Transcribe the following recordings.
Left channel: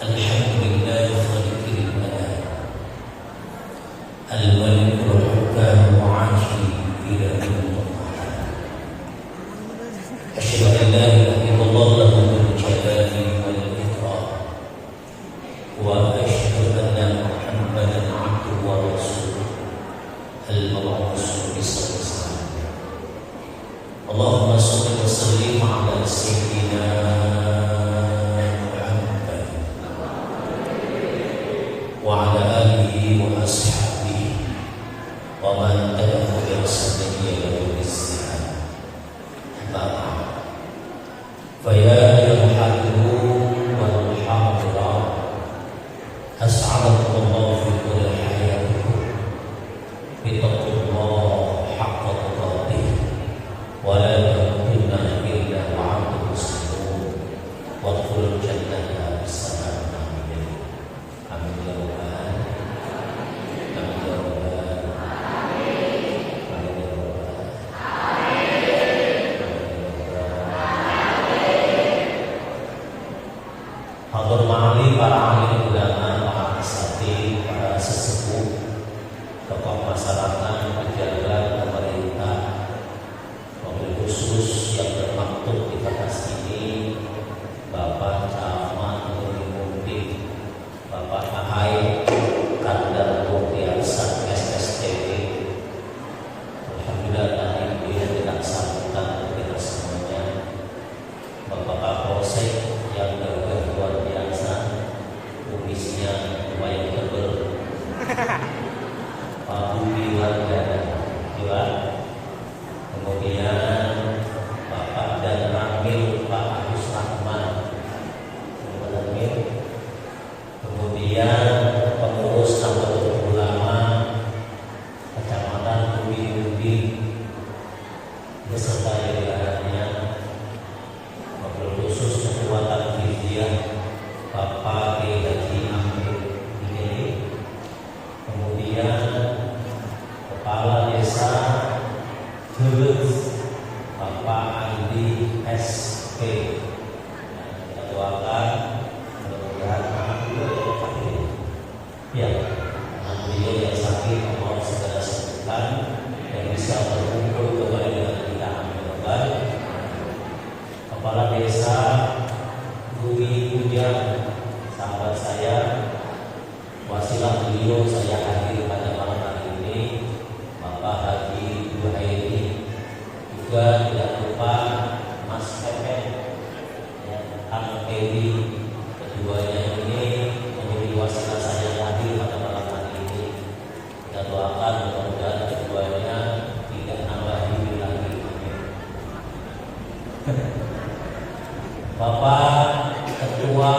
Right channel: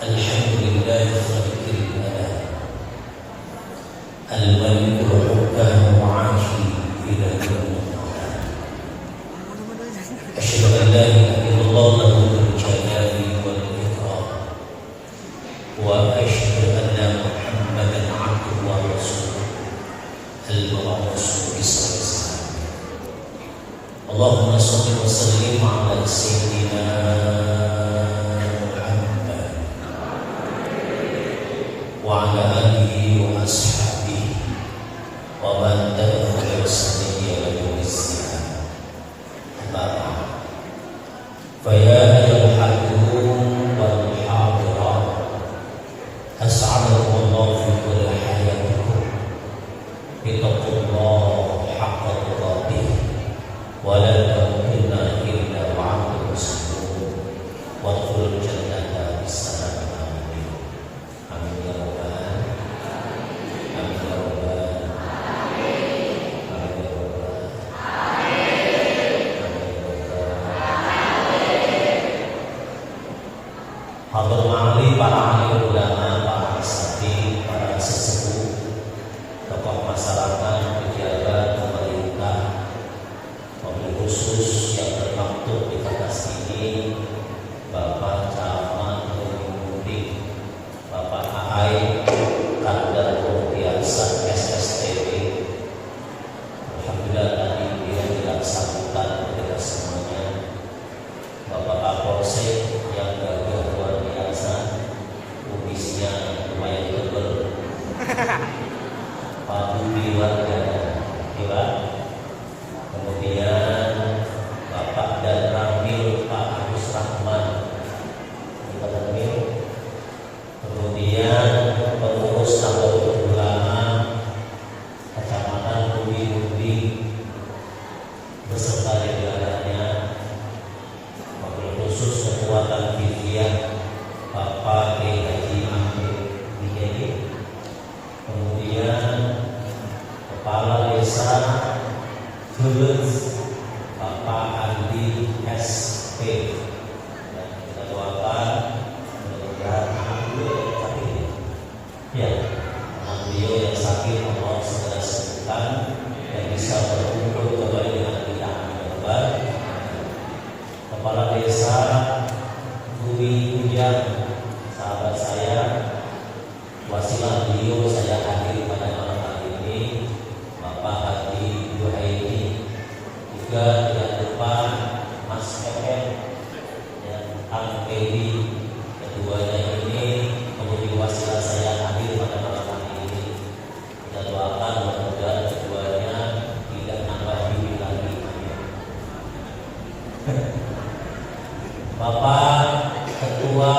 Alhamdulillah khaliqil anam al-malikul hukam mu'ashi ila yawmil qiyamah. Asyhadu an la ilaha illallah lahul jalali wal ikram wa asyhadu anna Muhammadan abduhu wa rasuluhu al-mab'uts bis-salam. Allahumma shalli wa sallim ala sayyidina wa ala alihi wa ashabihi wa man tabi'ahum bi ihsan ila yaumil qiyamah. Fa ya ayyuhal wal hadirat as'adakumullah fi kulli hayatikum bi taqwallahi haqqa tuqatih wa la tamutunna illa wa antum muslimun wa adkhulul jannata bis-salam. Kemudian Bapak dan Ramil Pak Agus Rahman, kemudian pengurus Nahdlatul Ulama Kecamatan Ubi beserta jajarannya, wabil khusus Ketua Tanfidiyah Bapak Haji Amin Dikeni, kemudian Kepala Desa Gelut Bapak Andi SP. Kita doakan mudah-mudahan anak beliau yang sakit Allah segera sembuhkan dan bisa berkumpul kembali dengan dia. Kepala Desa Bumi Hujan, sahabat saya, wasilah beliau saya hadir pada malam hari ini, Bapak Haji Juhaidi. Juga tidak lupa Mas Pepe, Ang Dewi, keduanya ini menjadi wasilah saya hadir pada malam hari ini. Kita doakan mudah-mudahan keduanya tidak nambah diri lagi. Bapak Ketua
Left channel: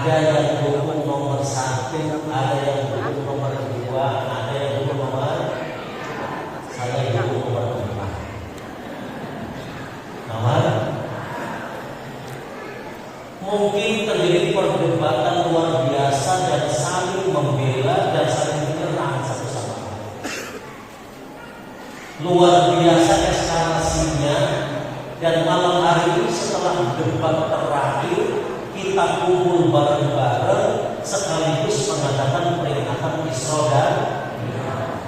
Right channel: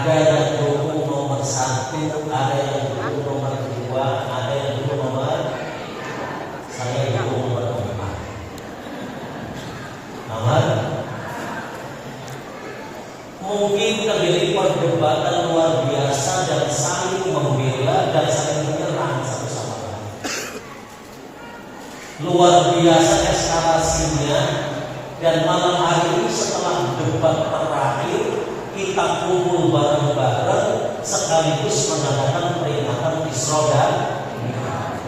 Ada yang dukung nomor 1, ada yang dukung nomor 2, ada yang dukung nomor, saya dukung nomor 4. Nomor, mungkin terjadi perdebatan luar biasa dan saling membela dan saling menyerang satu sama lain. Luar biasa eskalasinya, dan malam hari ini setelah debat terakhir kita kumpul bareng-bareng sekaligus mengadakan peringatan Isra dan Mi'raj.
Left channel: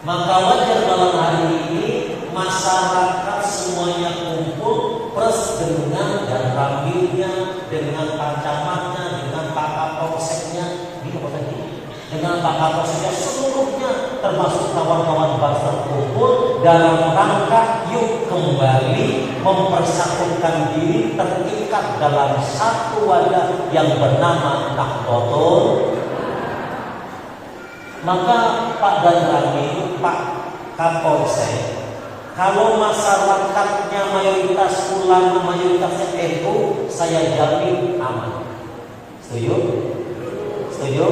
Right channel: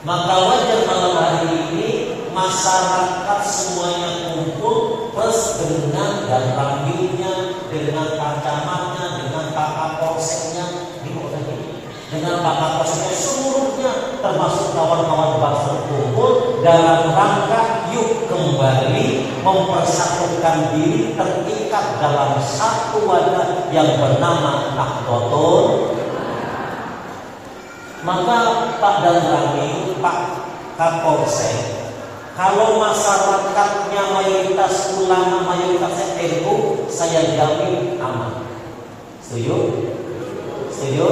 Maka wajar malam hari ini masyarakat semuanya kumpul plus dengan dan ramilnya, dengan pancamannya, dengan kakak polseknya, dengan kakak polseknya seluruhnya, termasuk kawan-kawan bangsa kumpul dalam rangka yuk kembali mempersatukan diri terikat dalam satu wadah yang bernama Nahdlatul. Maka Pak dan Ramil, Pak Kapolsek, kalau masyarakatnya mayoritas ulama, mayoritasnya NU, saya jamin aman. Setuju? Setuju?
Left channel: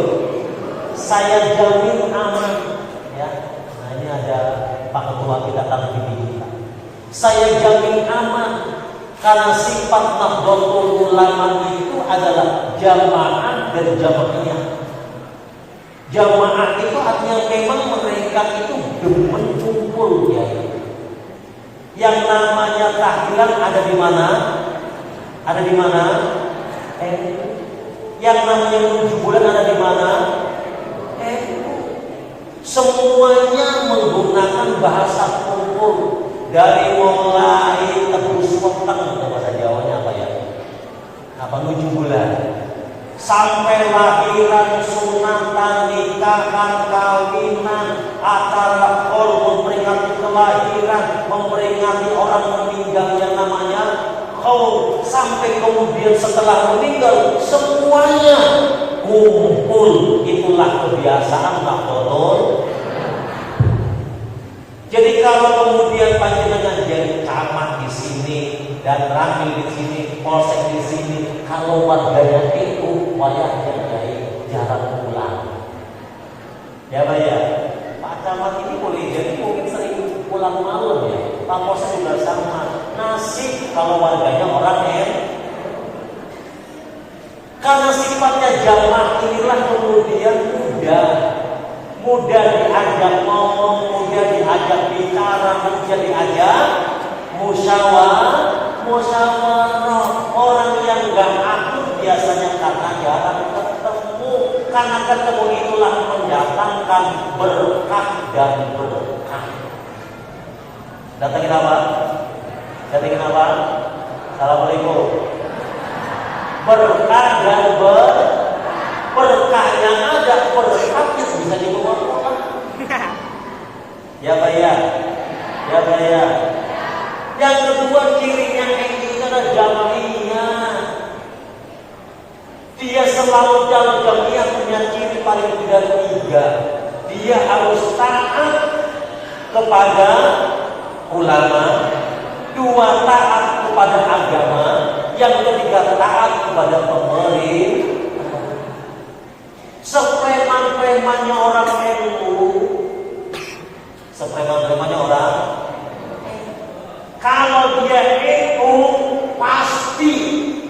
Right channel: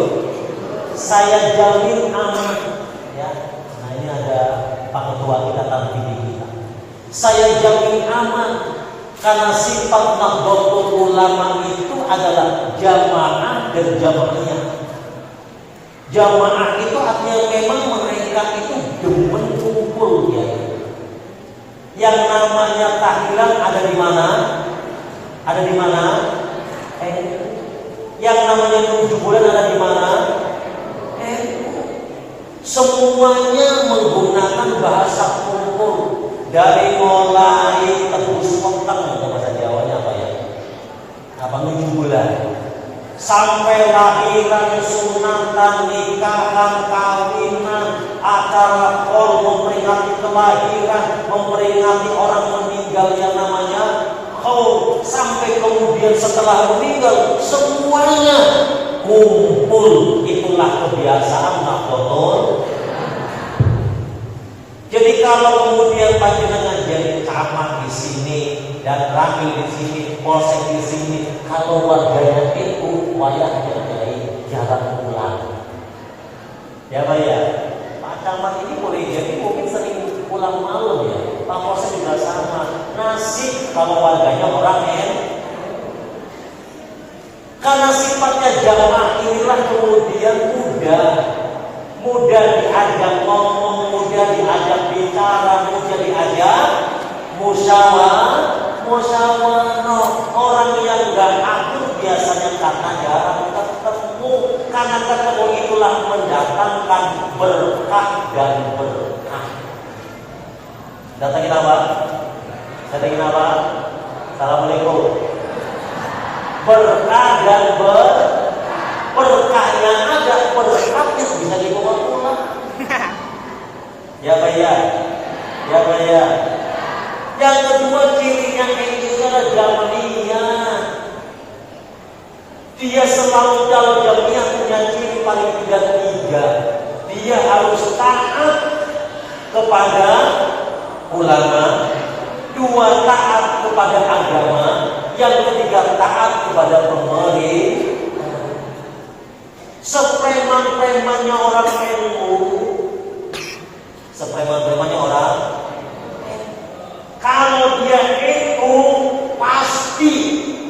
Saya jamin aman. Ya, nah ini ada Pak Ketua kita tadi kita. Saya jamin aman karena sifat Nahdlatul Ulama itu adalah jamaah dan jamaahnya. Jamaah itu artinya memang mereka itu demen kumpul ya. Yang namanya tahlilan ada di mana? Ada di mana? Yang namanya 7 bulan ada di mana? Semuanya menggunakan bahasa kumpul. Dari mulai tebus petang, bahasa Jawanya apa ya? Apa 7 bulan? Sampai lahiran, sunatan, nikahan, kawinan, akad akad, memperingati kelahiran, memperingati orang meninggal yang namanya khauf, sampai kemudian setelah meninggal semuanya kumpul. Itulah kebiasaan Nahdlatul. Jadi kalau kemudian bajunya jadi kamar di sini dan Ramil di sini, polsek di sini, kalau warganya itu wayahnya dari jalan pulang. Ya Pak ya, Pak Camat ini boleh jadi mungkin sering pulang malam ya. Pak Polsek juga sama. Nasib kalau warganya orang karena sifatnya jamaah inilah kemudian mudah diajak ngomong, mudah diajak bicara, mudah diajak musyawarah. Orang yang gak akur biasanya karena jarang ketemu. Karena ketemu itulah mendatangkan berkah dan berkah. Datangin apa? Datangin apa? Assalamualaikum. Berkah dan berkahnya ada, berkah itu bisa dibawa pulang. Ya Pak ya, ya Pak ya. Yang kedua cirinya itu adalah jamiah. Dia selalu dalam jamiah punya ciri paling tidak 3. Dia harus taat kepada ulama, 2 taat kepada agama, yang ketiga taat kepada pemerintah. Sepreman-premannya orang NU, sepreman-premannya orang, kalau dia NU pasti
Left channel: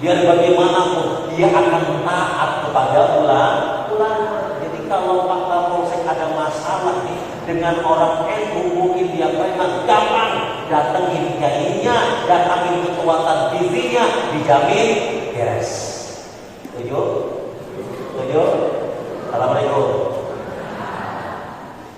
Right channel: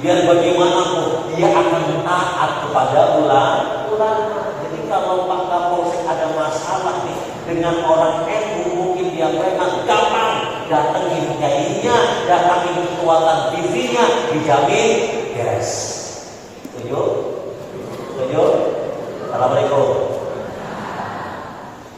biar bagaimanapun dia akan taat kepada ulama. Jadi kalau Pak Kapolsek ada masalah nih dengan orang NU, mungkin dia preman, gampang datengin kiainya, datengin kekuatan TV-nya, dijamin yes. Setuju? Setuju? Assalamualaikum.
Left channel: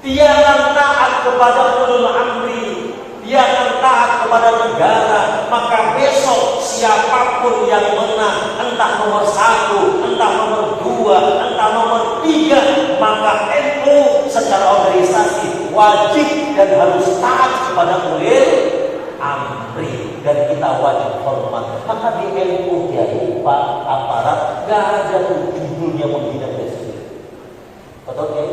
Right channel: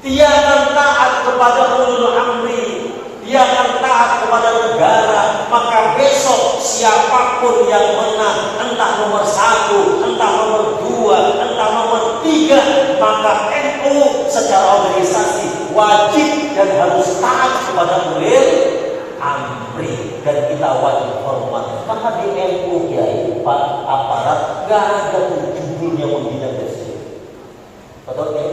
Dia akan taat kepada ulul amri, dia akan taat kepada negara. Maka besok siapapun yang menang, entah nomor 1, entah nomor 2, entah nomor 3, maka NU secara organisasi wajib dan harus taat kepada ulil amri, dan kita wajib hormat. Maka di NU ya Pak aparat gak ada tuh judulnya menghina presiden. Betul ya?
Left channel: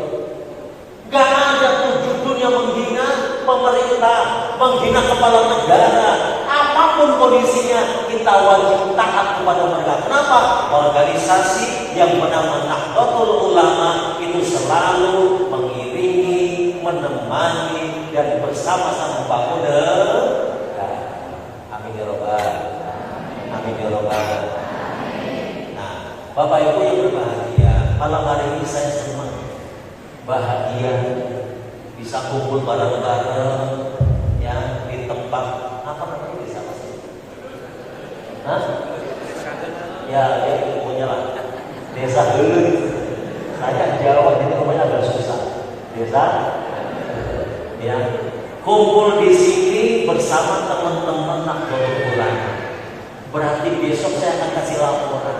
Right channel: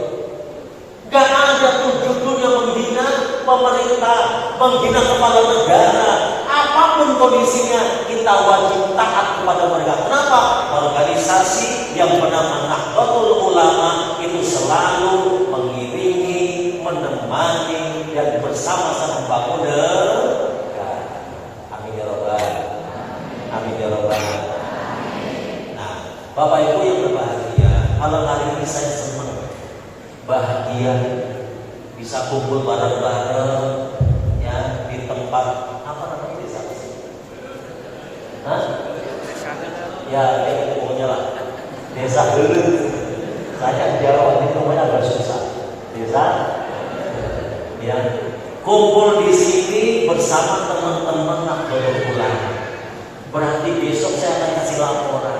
Gak ada tuh judulnya menghina pemerintah, menghina kepala negara. Apapun kondisinya kita wajib taat kepada mereka. Kenapa? organisasi yang bernama Nahdlatul Ulama itu selalu mengiringi, menemani dan bersama-sama membangun negara. Amin ya rabbal alamin. Amin ya rabbal alamin. Nah, Bapak Ibu yang berbahagia, malam hari ini saya senang, bahagia bisa kumpul bareng-bareng ya di tempat apa namanya di sana sih? Hah? Ya, itu pokoknya lah. Desa dulu. Saya di Jawa ini pokoknya agak susah. Desa ya, kumpul di sini bersama teman-teman Nahdlatul Ulama. Berarti besok saya akan kasih laporan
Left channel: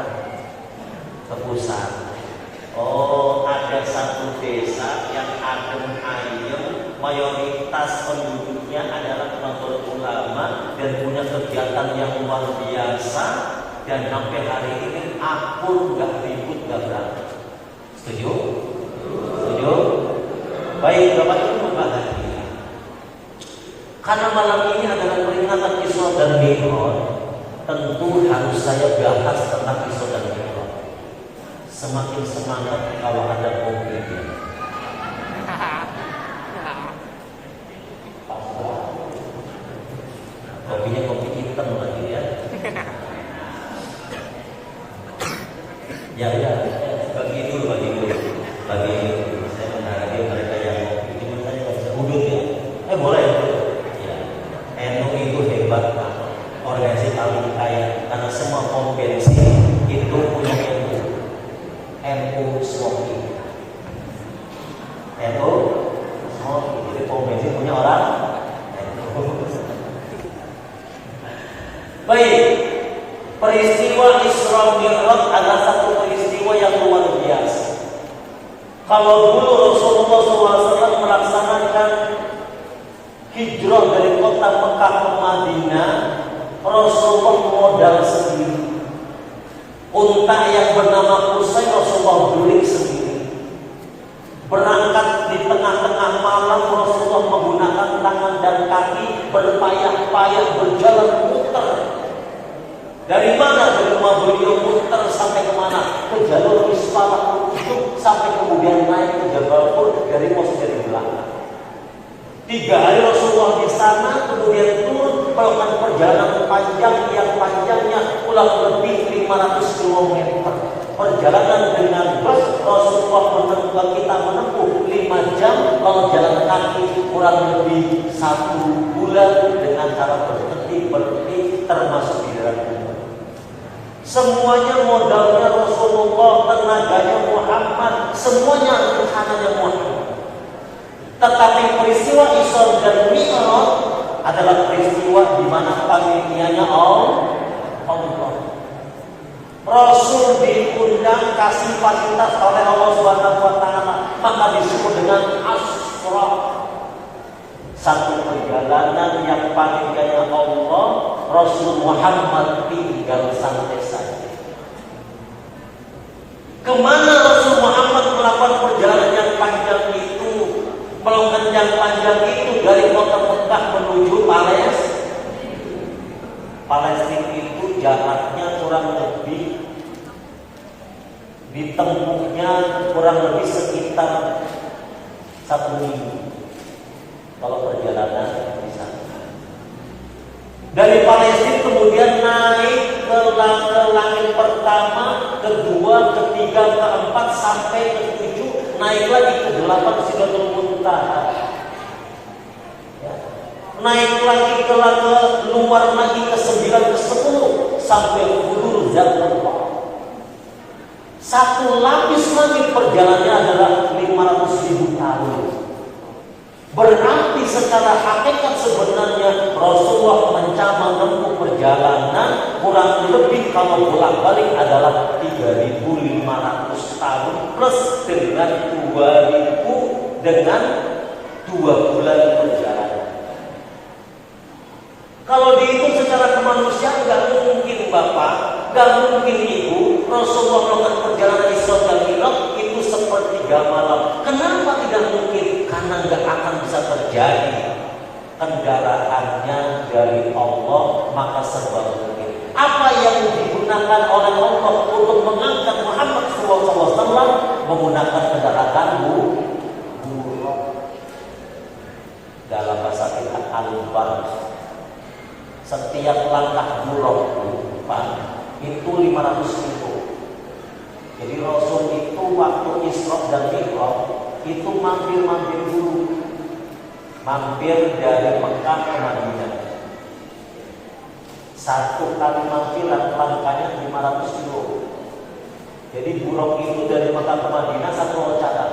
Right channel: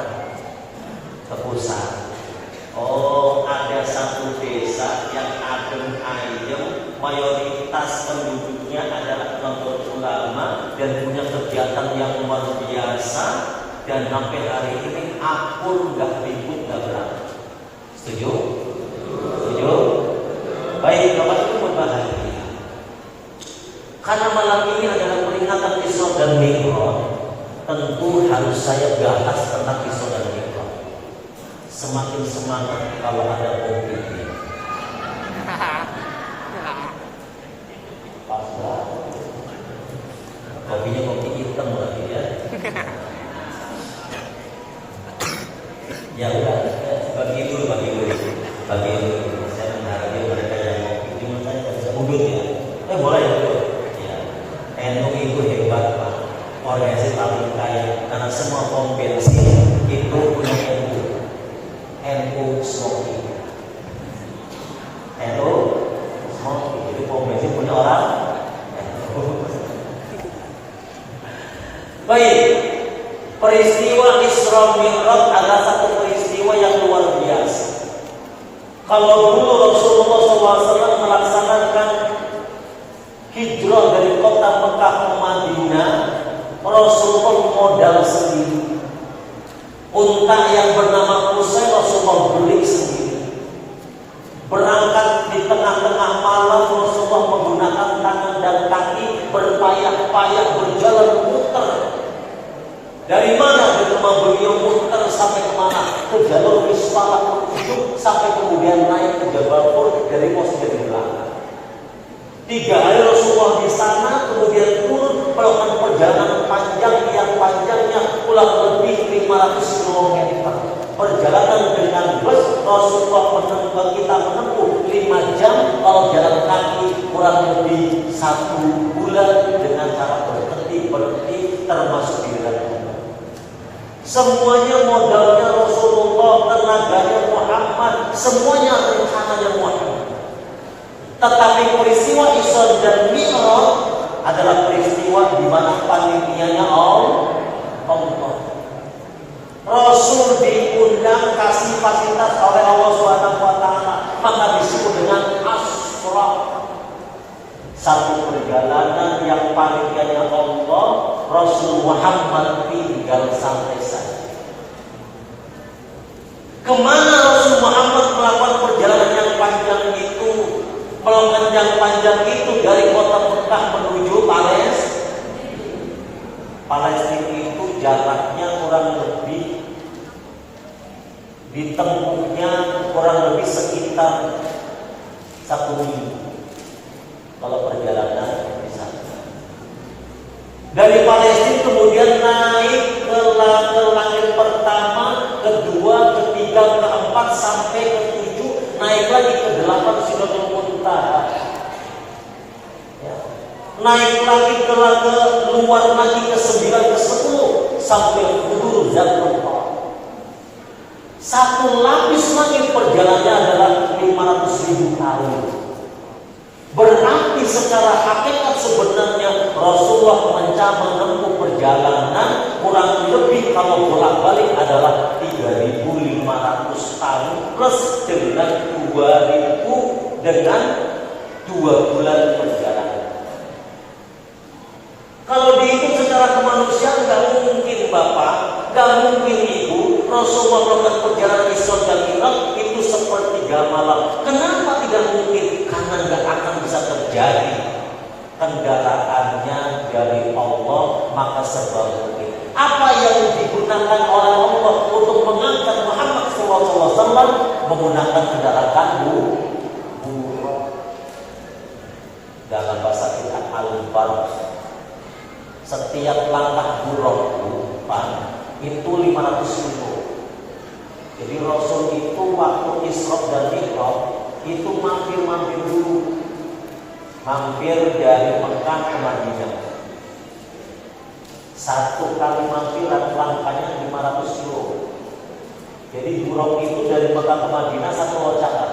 ke pusat. Oh, ada satu desa yang adem ayem, mayoritas penduduknya adalah Nahdlatul Ulama dan punya kegiatan yang luar biasa. Dan sampai hari ini akun nggak ribut nggak berani. Setuju? Setuju? Baik, Bapak Ibu berbahagia. Karena malam ini adalah peringatan Isra dan Mi'raj, tentu harus saya bahas tentang Isra dan Mi'raj. Semakin semangat kalau ada kopinya. Pas banget. Kopinya kopi hitam lagi ya. Ya udah, bagi dulu. Saya menghargai mereka yang mau cuma saya nggak bisa ubah ya. Boleh ya. NU itu hebat, organisasi paling kaya karena semua pom bensin itu punya NU Smoky. NU Smoky, jadi pom bensin punya orang. Baik, peristiwa Isra Mi'raj adalah satu peristiwa yang luar biasa. Kalau dulu Rasulullah SAW melaksanakan hijrah dari kota Mekah ke Madinah, Rasulullah modal sendiri. Unta yang bernama Qusay Rasulullah beli sendiri. Berangkat di tengah-tengah malam, Rasulullah menggunakan tangan dan kaki berpayah-payah berjalan muter. Dari mana? Dari rumah beliau muter sampai kemana? Ke jalur Isfah sampai kemudian naik ke Jabal Nur dari Masjidil Haram. 3 hari Rasulullah di sana, kemudian turun melakukan perjalanan panjang yang panjangnya kurang lebih 500 km. Perjalanan dengan bus Rasulullah kita menempuh 5 jam, kalau jalan kaki kurang lebih 1 bulan dengan cara berhenti termasuk di dalam. Semuanya modalnya Rasulullah, tenaganya Muhammad, semuanya usahanya Muhammad. Tetapi peristiwa Isra dan Mi'raj adalah peristiwa di mana panitianya Allah. Rasul diundang kasih fasilitas oleh Allah Subhanahu wa taala, maka disebut dengan Asra. Satu perjalanan yang panitianya Allah, Rasul Muhammad tinggal sampai saja. Kemana Rasul Muhammad melakukan perjalanan yang panjang itu? Melakukan yang panjang itu dari kota Mekah menuju Palestina itu jaraknya kurang lebih ditempuhnya kurang lebih sekitar 1 minggu kalau perjalanan di sana. Dari Palestina kemudian naik ke langit pertama, kedua, ketiga, keempat sampai ke-7, naik lagi ke 8 Sidratul Muntaha. Ya. Naik lagi ke luar lagi ke 9 ke 10 sampai Hudud Zatul Baqarah. Satu lapis lagi perjalanannya adalah 500.000 tahun. Berarti secara hakikat sebenarnya Rasulullah menempuh perjalanan kurang lebih kalau bolak-balik adalah 3.500 tahun plus dengan 2.000 dengan 2 bulan perjalanan. Kalau dihitung secara kemanusiaan gak mungkin Bapak, gak mungkin Ibu, Rasulullah melakukan perjalanan Isra dan Mi'raj itu sepertiga malam. Kenapa tidak mungkin? Karena gak akan bisa terjadi. Kendaraannya dari Allah, maka serba mungkin. Apa yang digunakan oleh Allah untuk mengangkat Muhammad SAW menggunakan kendaraan buruk. Dalam bahasa kita al-barak. Setiap langkah buruk itu 500.000. Jadi Rasul itu waktu Isra dan Mi'raj itu mampir dulu. Mampir dari Mekah ke Madinah. Satu kali mampir langkahnya 500 kilo. Jadi buruk itu dari Mekah ke Madinah satu loncatan.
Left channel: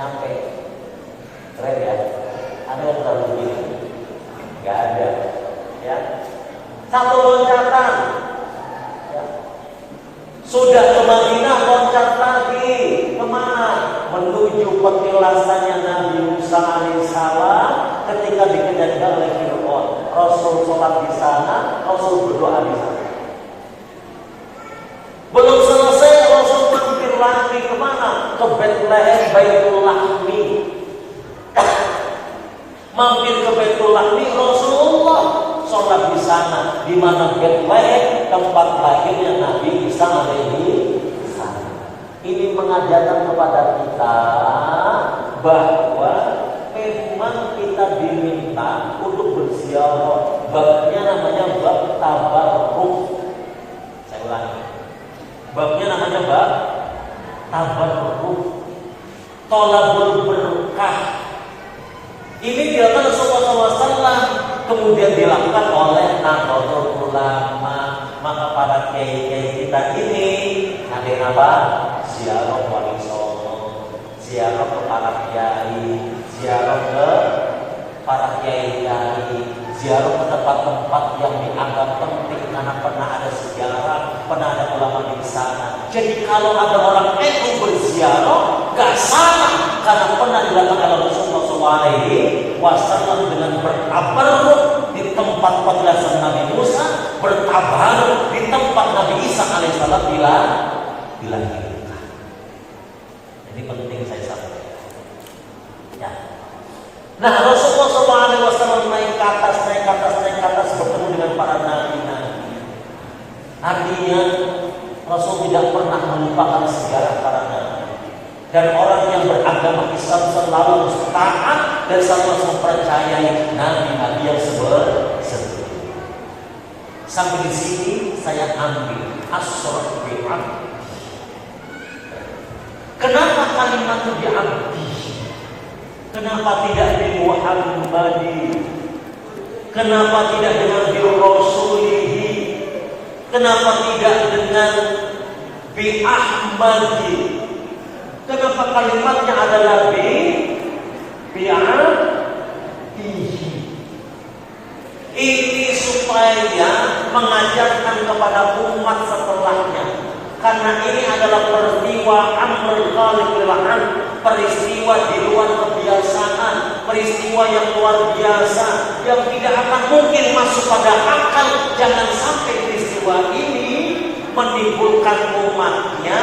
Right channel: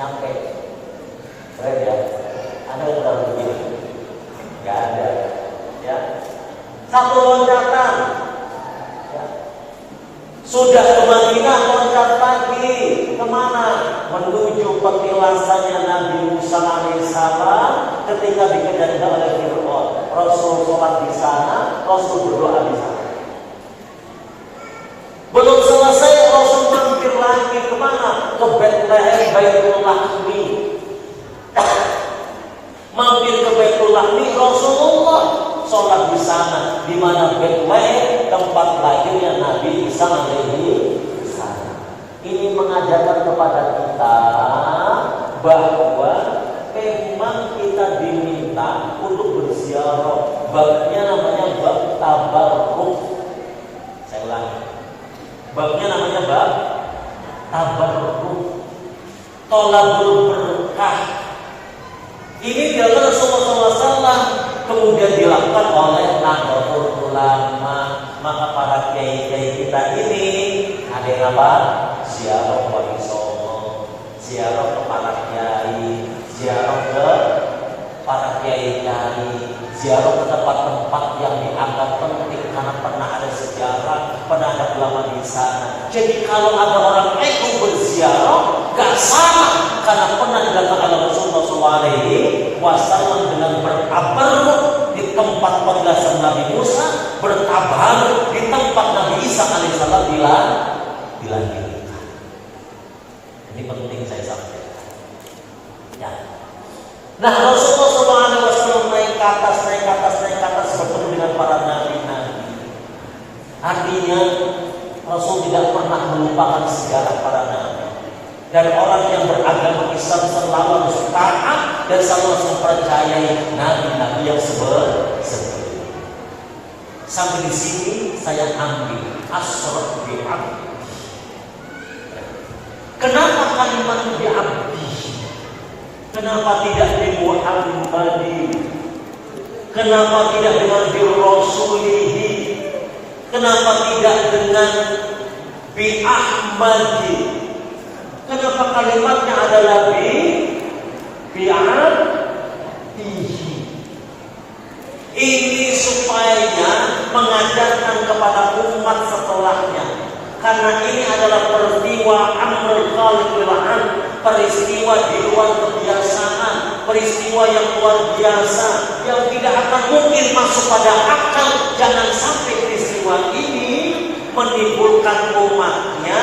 Nyampe. Keren ya? Ada yang tahu begini? Gak ada. Ya. Satu loncatan. Ya. Sudah ke Madinah, loncat lagi. Kemana? Menuju petilasannya Nabi Musa alaihissalam ketika dikejar oleh Fir'aun. Rasul sholat di sana, Rasul berdoa di sana. Belum selesai, Rasul mampir lagi kemana? Ke Bethlehem, Baitul Lahmi. Mampir ke Baitul Lahmi, Rasulullah sholat di sana, di mana Bethlehem tempat lahirnya Nabi Isa alaihi salam. Ini mengajarkan kepada kita bahwa memang kita diminta untuk berziarah. Babnya namanya bab tabarruk. Saya ulangi. Babnya namanya bab tabarruk. Tolabul berkah. Ini dilakukan Rasulullah SAW, kemudian dilakukan oleh Nahdlatul Ulama. Maka para kiai kita ini hadir apa? Ziarah warisono, ziarah ke para kiai, ziarah ke para kiai-kiai, ziarah ke tempat-tempat yang dianggap penting karena pernah ada sejarah, pernah ada ulama di sana. Jadi kalau ada orang ego berziarah, gak salah karena pernah dilakukan oleh Rasulullah SAW dengan bertabarruk di tempat petilasan Nabi Musa, bertabarruk di tempat Nabi Isa alaihissalam bilang. Ini penting saya sampaikan. Ya. Nah, Rasulullah SAW naik ke atas bertemu dengan para nabi-nabi. Artinya Rasul tidak pernah melupakan sejarah para nabi. Dan orang yang beragama Islam selalu taat dan selalu mempercayai nabi-nabi yang seperti itu. Sampai di sini saya ambil asraf bi'abdi. Kenapa kalimat bi'abdi? Kenapa tidak bi Muhammadi? Kenapa tidak dengan bi Rasulihi? Kenapa tidak dengan bi Ahmadi? Kenapa kalimatnya adalah bi'abdihi? Ini supaya mengajarkan kepada umat setelahnya. Karena ini adalah peristiwa amrul khaliqil an, peristiwa di luar kebiasaan, peristiwa yang luar biasa, yang tidak akan mungkin masuk pada akal. Jangan sampai peristiwa ini menimbulkan umatnya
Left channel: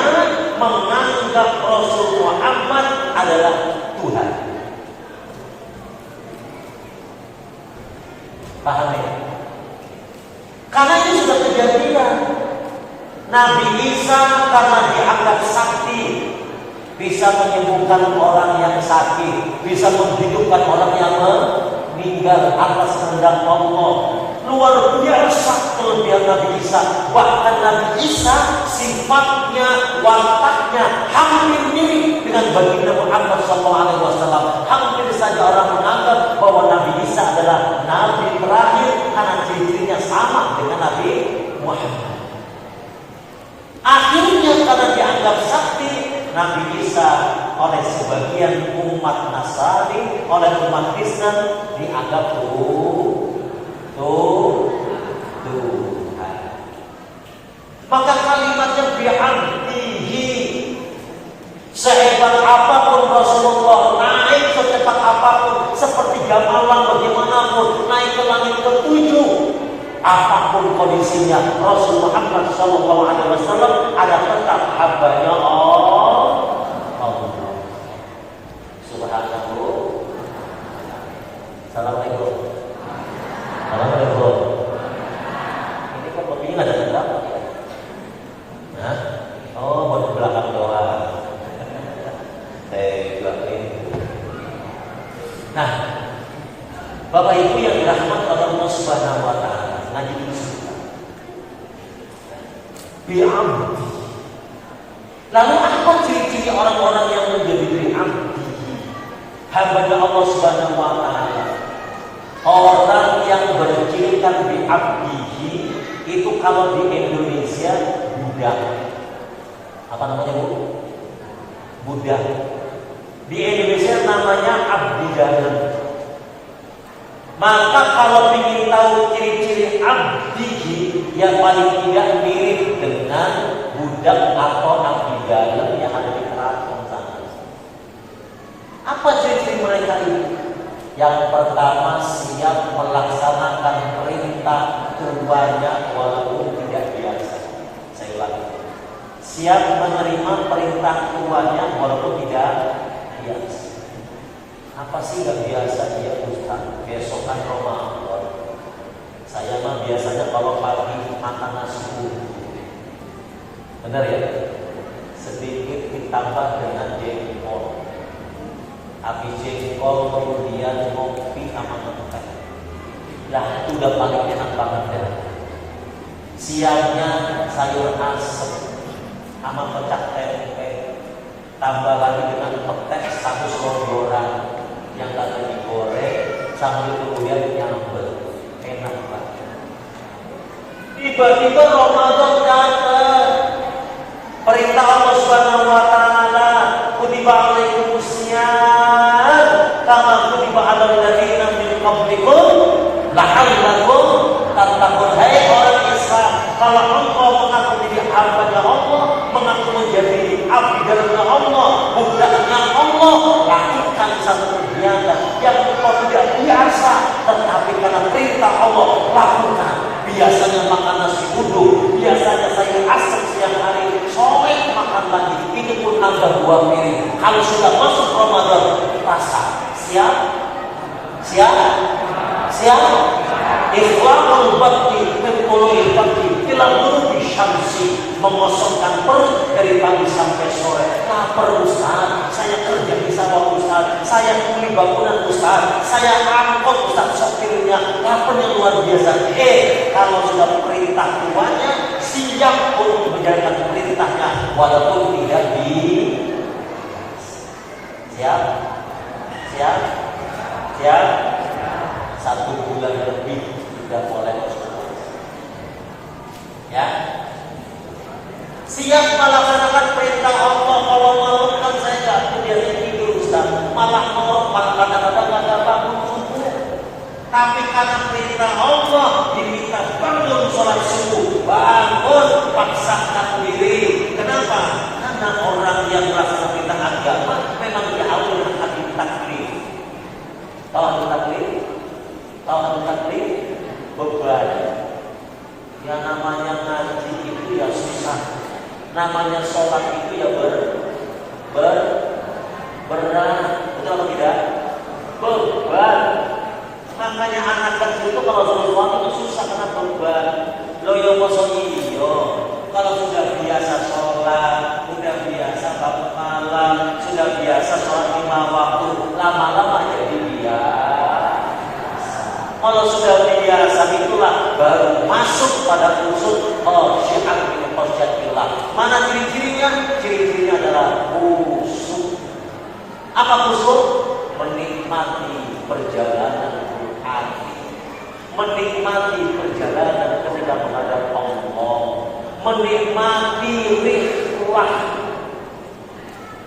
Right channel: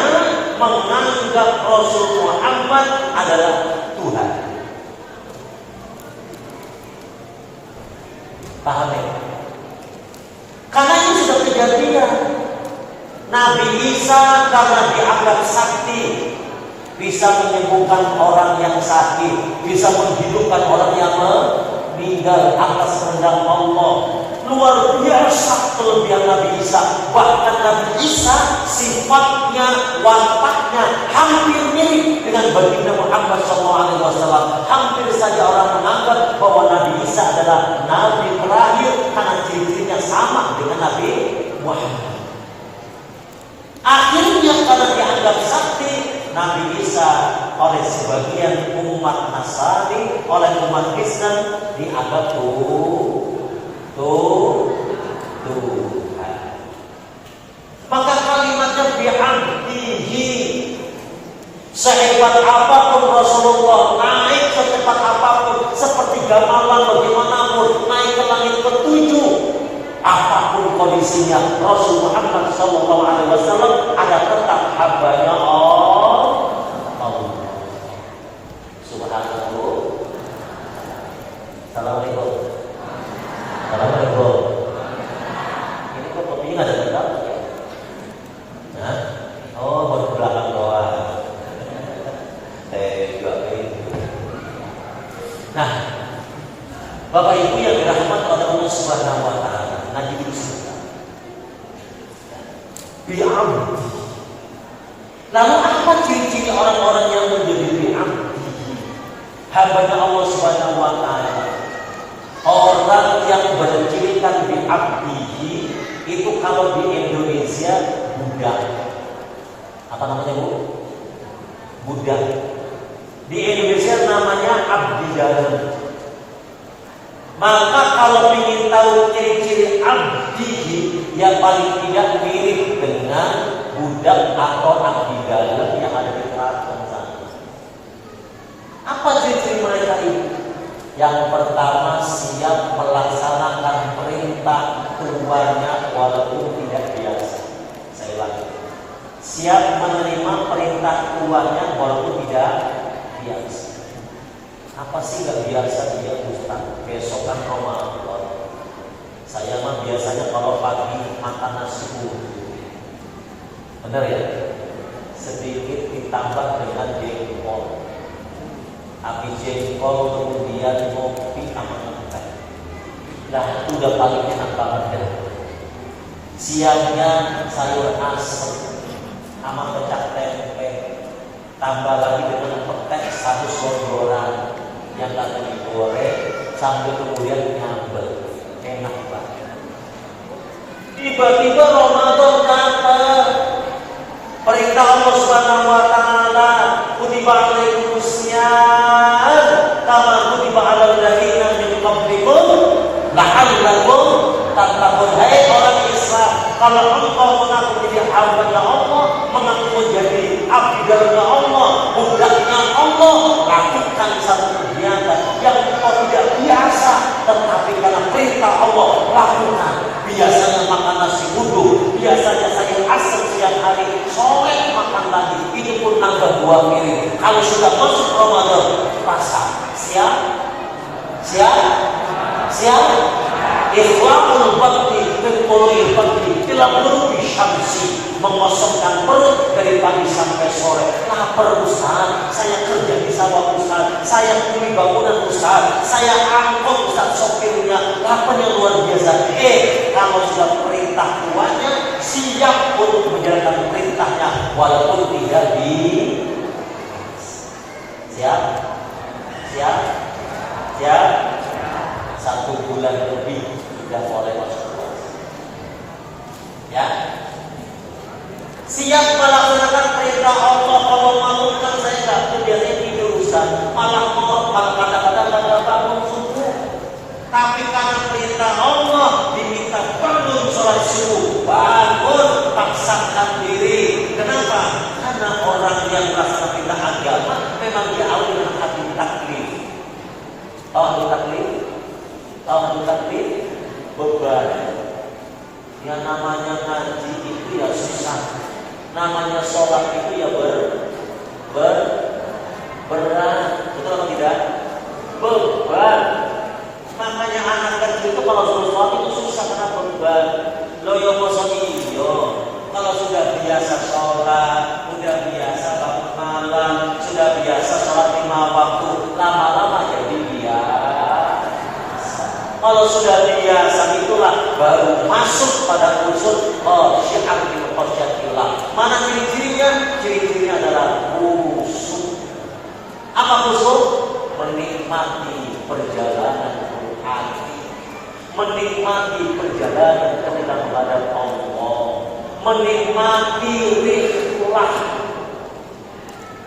menganggap Rasul Muhammad adalah Tuhan. Paham ya? Karena ini sudah kejadian. Nabi Isa karena dianggap sakti, bisa menyembuhkan orang yang sakit, bisa menghidupkan orang yang meninggal atas kehendak Allah. Luar biasa kelebihan Nabi Isa. Bahkan Nabi Isa sifatnya, wataknya hampir mirip dengan baginda Muhammad SAW. Hampir saja orang menganggap bahwa Nabi Isa adalah Nabi terakhir karena ciri-cirinya sama dengan Nabi Muhammad. Akhirnya karena dianggap sakti, Nabi Isa oleh sebagian umat Nasrani, oleh umat Kristen dianggap Tuhan. Maka kalimatnya bi'abdihi. Sehebat apapun Rasulullah, naik secepat apapun, seperti gamalan bagaimanapun, naik ke langit ketujuh, apapun kondisinya, Rasul Muhammad SAW ada tetap hambanya Allah. Subhanallah. Assalamualaikum. Assalamualaikum. Ini kok begini ada tempat? abdi. Lalu apa ciri-ciri orang-orang yang menjadi abdi? Hamba Allah Subhanahu wa taala. Orang yang bercirikan bi abdihi itu kalau di Indonesia budak. Apa namanya Bu? Budak. Di Indonesia namanya abdi dalam. Maka kalau ingin tahu ciri-ciri abdihi, yang paling tidak mirip dengan budak atau abdi dalam yang ada di keraton sana. Apa ciri-ciri mereka ini? Yang pertama, siap melaksanakan perintah tuannya walaupun tidak biasa. Saya ulangi, siap menerima perintah tuannya walaupun tidak biasa. Apa sih gak biasa dia Ustaz? Besokan Ramadan. Saya mah biasanya kalau pagi makan nasi uduk. Benar ya? Sedikit ditambah dengan jengkol. Habis jengkol kemudian kopi sama teh. Lah itu udah paling enak banget deh. Siangnya sayur asem sama kecap tempe. Tambah lagi dengan petek satu sogoran yang tadi digoreng sambil kemudian nyambel. Enak banget. Tiba-tiba Ramadan datang. Perintah Allah Subhanahu wa taala, kutiba alaikumusiyam kama kutiba alal ladzina min qablikum la'allakum tattaqun. Hai orang Islam, kalau engkau mengaku menjadi hamba Allah, mengaku menjadi abdi Allah, budaknya Allah, lakukan satu kegiatan yang engkau tidak biasa, tetapi karena perintah Allah lakukan. Biasanya makan nasi uduk, biasanya sayur asem siang hari, sore makan lagi, ini pun nambah 2 piring. Kalau sudah masuk Ramadan, rasa siap, ikhlaqul bakti kekolohi bakti bila berubi syamsi, mengosongkan perut dari pagi sampai sore. Lapar Ustaz, saya kerja di sawah Ustaz, saya kuli bangunan Ustaz, saya angkot Ustaz sopirnya, laparnya luar biasa. Kalau sudah perintah tuanya, siap untuk menjalankan perintahnya walaupun tidak di siap 1 bulan lebih sudah mulai masuk puasa. Ya, siap melaksanakan perintah Allah. Kalau malam kan saya nggak biasanya tidur Ustaz, malah mau kadang-kadang nggak bangun subuh. Tapi karena perintah Allah diminta bangun sholat subuh, bangun paksakan diri. Kenapa? Karena orang yang melaksanakan perintah agama memang diawali dengan hadis taklif. Tahun taklif beban. Yang namanya ngaji itu ya susah. Namanya sholat itu ya berat. Betul atau tidak? Beban. Makanya anak kecil itu kalau sudah sholat itu susah karena beban. Loyo mosok iyo. Kalau sudah biasa sholat, sudah biasa bangun malam, sudah biasa sholat 5 waktu, lama-lama jadi biasa. Kalau sudah biasa itulah baru masuk pada unsur syiar bil qadjatillah. Mana ciri-cirinya? Ciri-cirinya adalah khusyuk. Apa khusyuk? Menikmati perjalanan hati, menikmati perjalanan menghadap Allah, menikmati ritual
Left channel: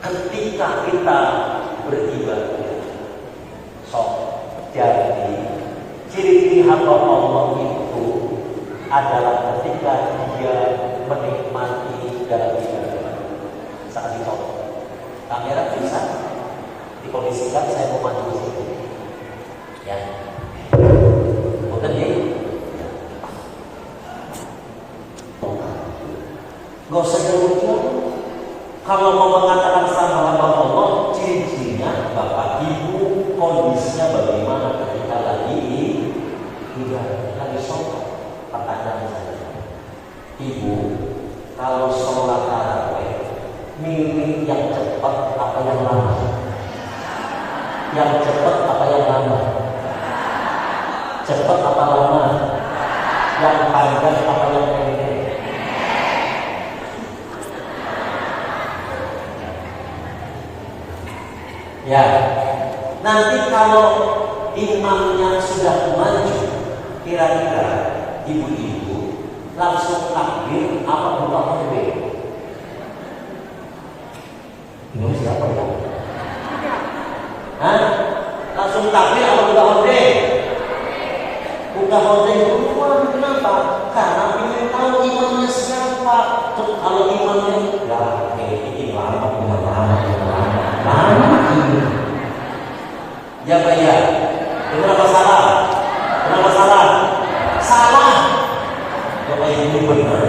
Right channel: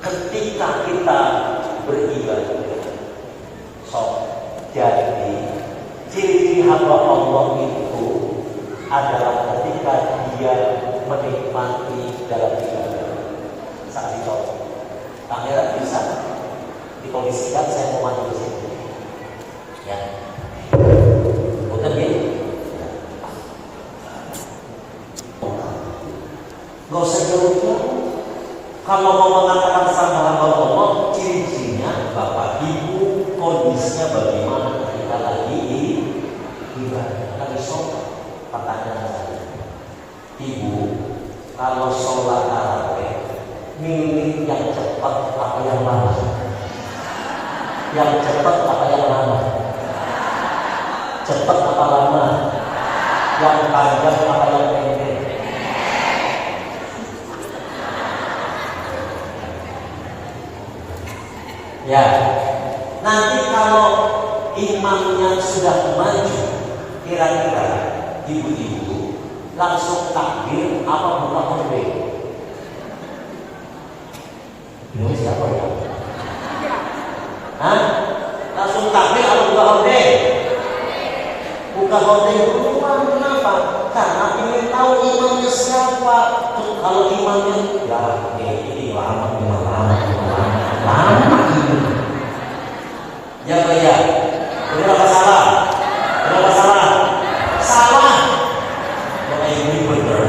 ketika kita beribadah. Jadi ciri-ciri hamba Allah itu adalah ketika dia menikmati dalam ibadah. Saat itu kamera bisa dikondisikan, saya memandu di sini. Ya, betul ya. Gak usah jauh-jauh. Kalau mau mengatakan sama hamba Allah, ciri-cirinya Bapak Ibu kondisinya bagaimana ketika lagi ibadah, lagi sholat. Pertanyaan saya, Ibu, kalau sholat tarawih, milih yang cepat apa yang lama? Yang cepat apa yang lama? Cepat apa lama? Yang panjang apa yang pendek? Ya, nanti kalau imannya sudah maju, kira-kira ibu-ibu langsung takbir apa buka horde? Ini siapa ya? Hah? Langsung takbir apa buka horde? Buka horde itu kenapa? Karena ingin tahu imannya siapa. Kalau imannya ya ini lama ini. Ya bayar. Berapa salah? Berapa salah? Salah. Ya ini benar.